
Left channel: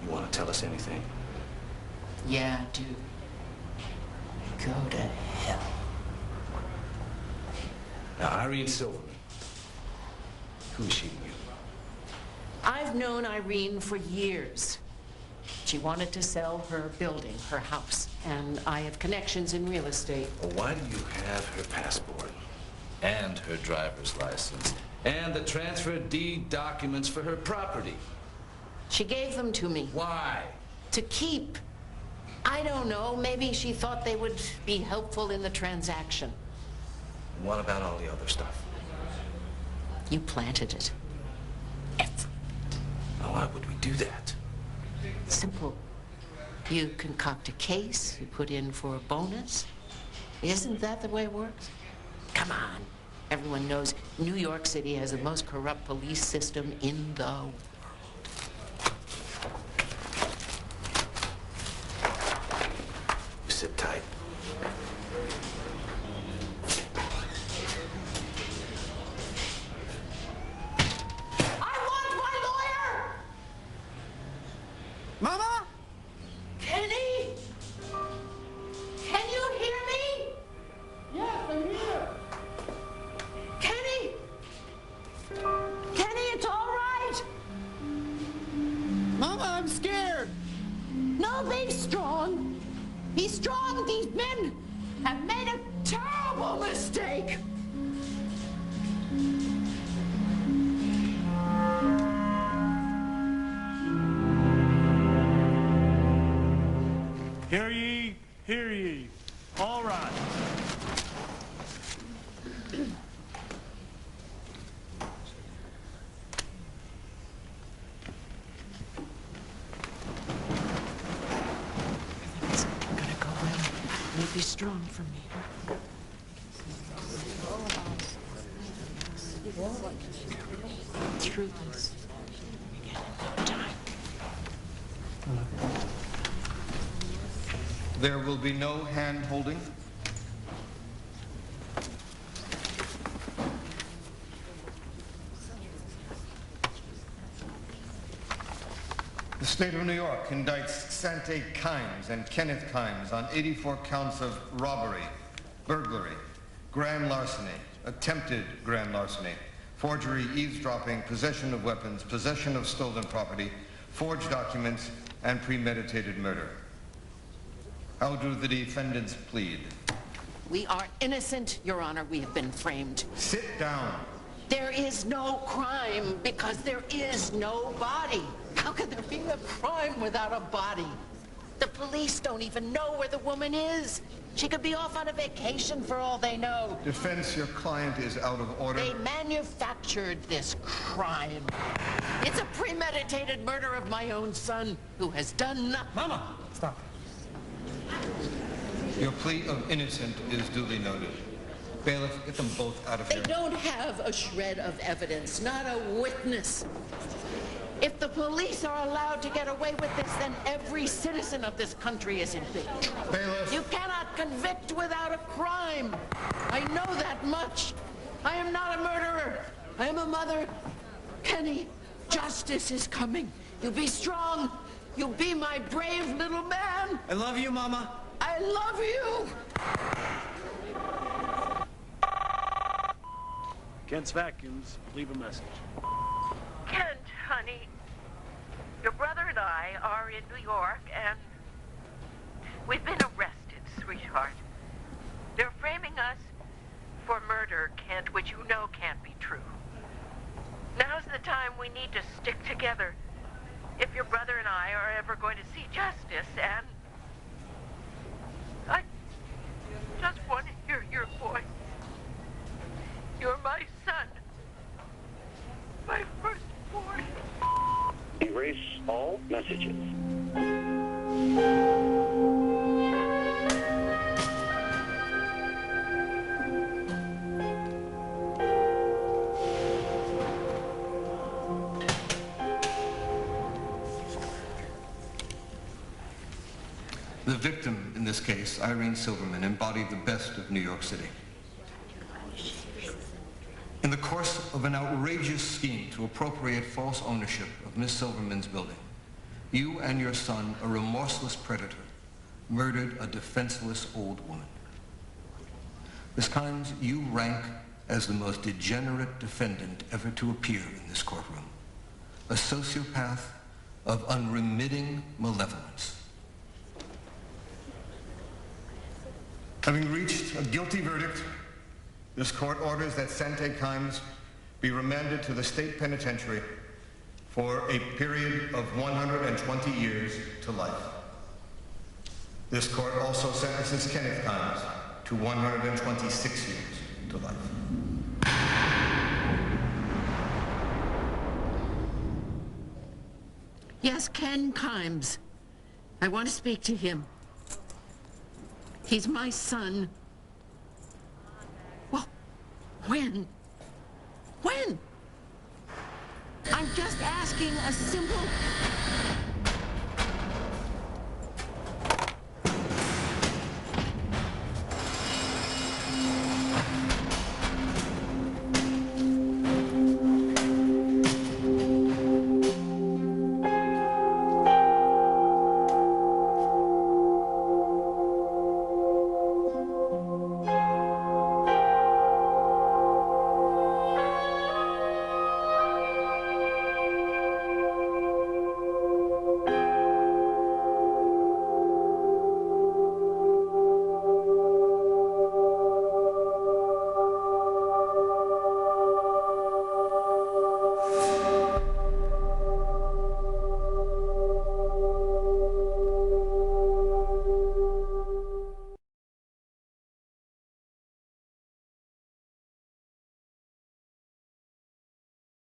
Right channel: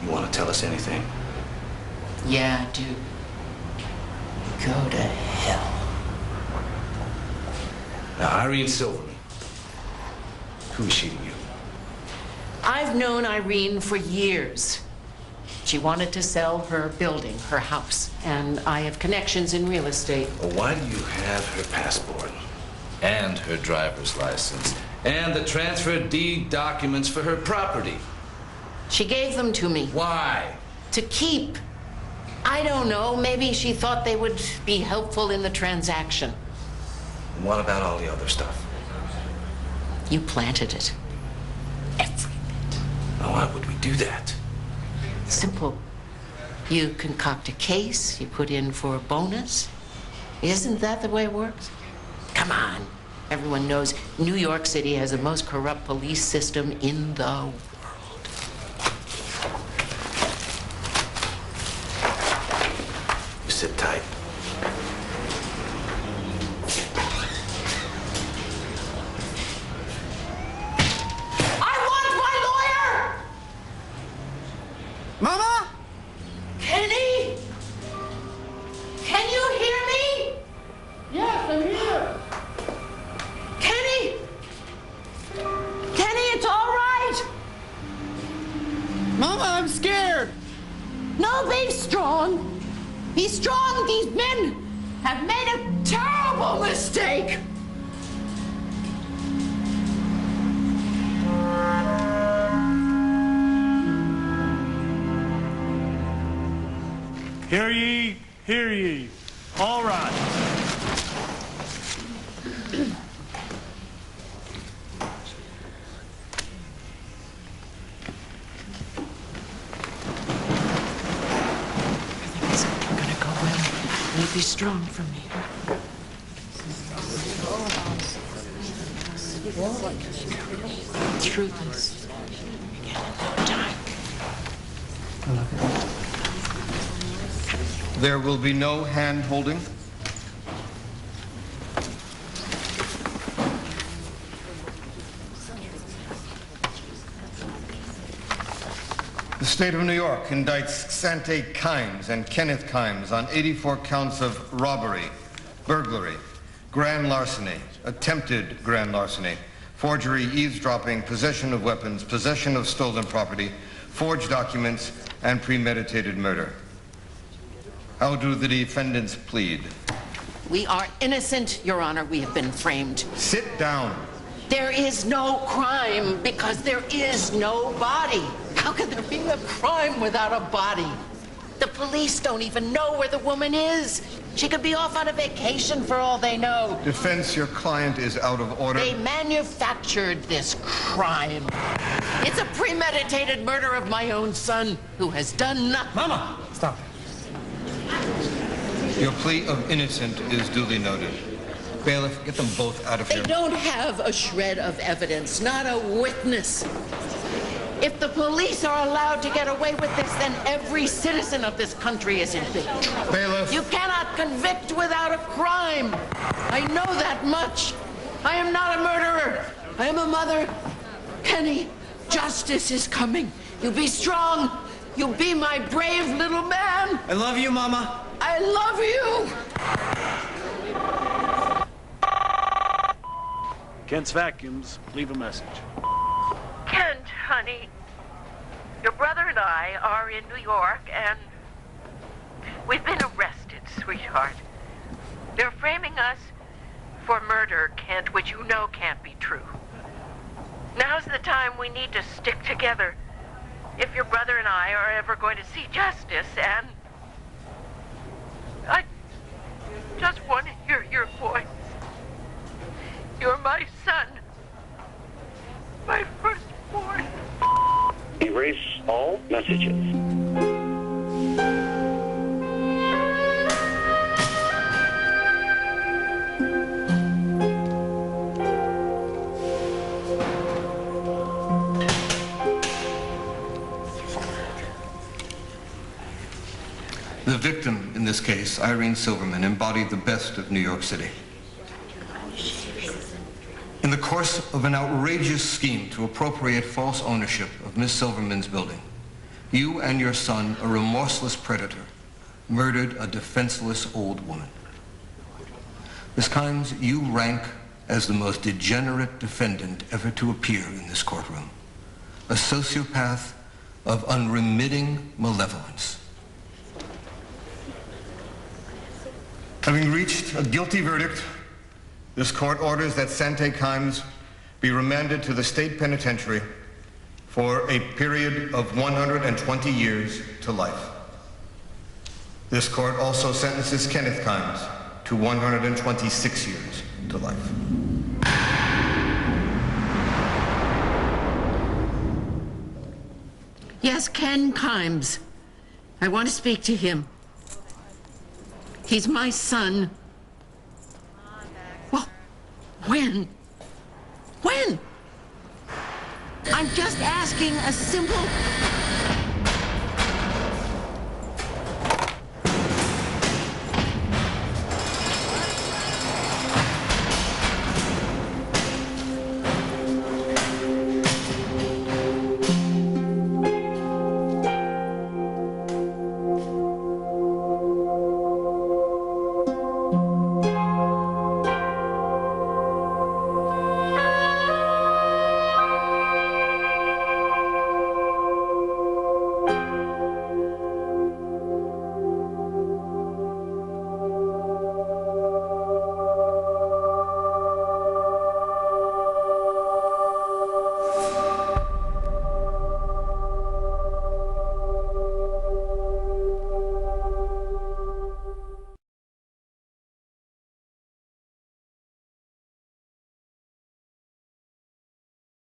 You want to tell us anything? Yeah, I do. Go to hell. Now, Irene Silverman, who is she to you? I've known Irene for years. She wanted to sell her building, her house, and I have connections in real estate. Well, why do you have her passport and her driver's license and the transfer deed documents for her property? She gave them to me. Why? To keep. I don't know. Maybe she thought they would be helpful in the transaction. And what about all the other stuff? You planted it. Every bit. Now, why would we do that? Simple. You concoct a case, you put in for a bonus. Isn't that the way it works? Come on. Everyone knows New York City has the most corrupt police system in the world. You sit tight. Mama? Kenny? Can you hear me? Yes, I'm here. Kenny? Kenny, it's all right. Mama, I'm scared. No, be strong. Be strong. These men have made a terrible mistake. Hear ye, hear ye. All right. Everything's gonna go well. You'll be strong for me. Through this. Again in no time. There will be no hand-holding. The state of New York indicts Santé Kenneth and Kenneth Kenneth on 84 counts of robbery, burglary, grand larceny, attempted grand larceny, forgery, eavesdropping, possession of weapons, possession of stolen property, forged documents, and premeditated murder. How do the defendants plead? We are innocent, Your Honor. We have been framed. Sit down. There is no crime because there is no body. How can there be a crime without a body? The police don't even know where the woman is. She could be off on a vacation for all they know. Defense, your client is out of order. They manufactured this crime. It's a premeditated murder of my own son who has done nothing. Mama, stop. Your plea of innocent is duly noted. Bailiff, get them both out of They here. don't have a shred of evidence, not a witness. If the police are allowed to get away with this, then every citizen of this country is in big trouble. Bailiff. You cannot convict without a crime. I know that much. I am not a murderer. I am a mother. Kenny, justice is coming. You be strong. You be my brave little man. I love you, Mama. I love you. Kent's Vacuums, leave a message. Kent, honey, your brother and I are in New York, and we've been arrested, sweetheart. They're framing us for murder, Kent, which you know can't be true. Now's the time we need to stick together if your brother and I are ever going to see justice, and I just want to hear your voice. You're my son, my firstborn. Erase all messages. The victim in this case, Irene Silverman, embodied the best of New York City. In the course of an outrageous scheme to appropriate false ownership of Miss Silverman's building, you and your son, a remorseless predator, murdered a defenseless old woman. Miss Kimes, you rank as the most degenerate defendant ever to appear in this courtroom, a sociopath of unremitting malevolence. Having reached a guilty verdict, this court orders that Santé Kenneth be remanded to the state penitentiary for a period of 120 years to life. This court also sentences Kenneth Kenneth to 126 years to life. Yes, Ken Kimes. I want to speak to him. He's my son. Well, when? When? I'm just asking a simple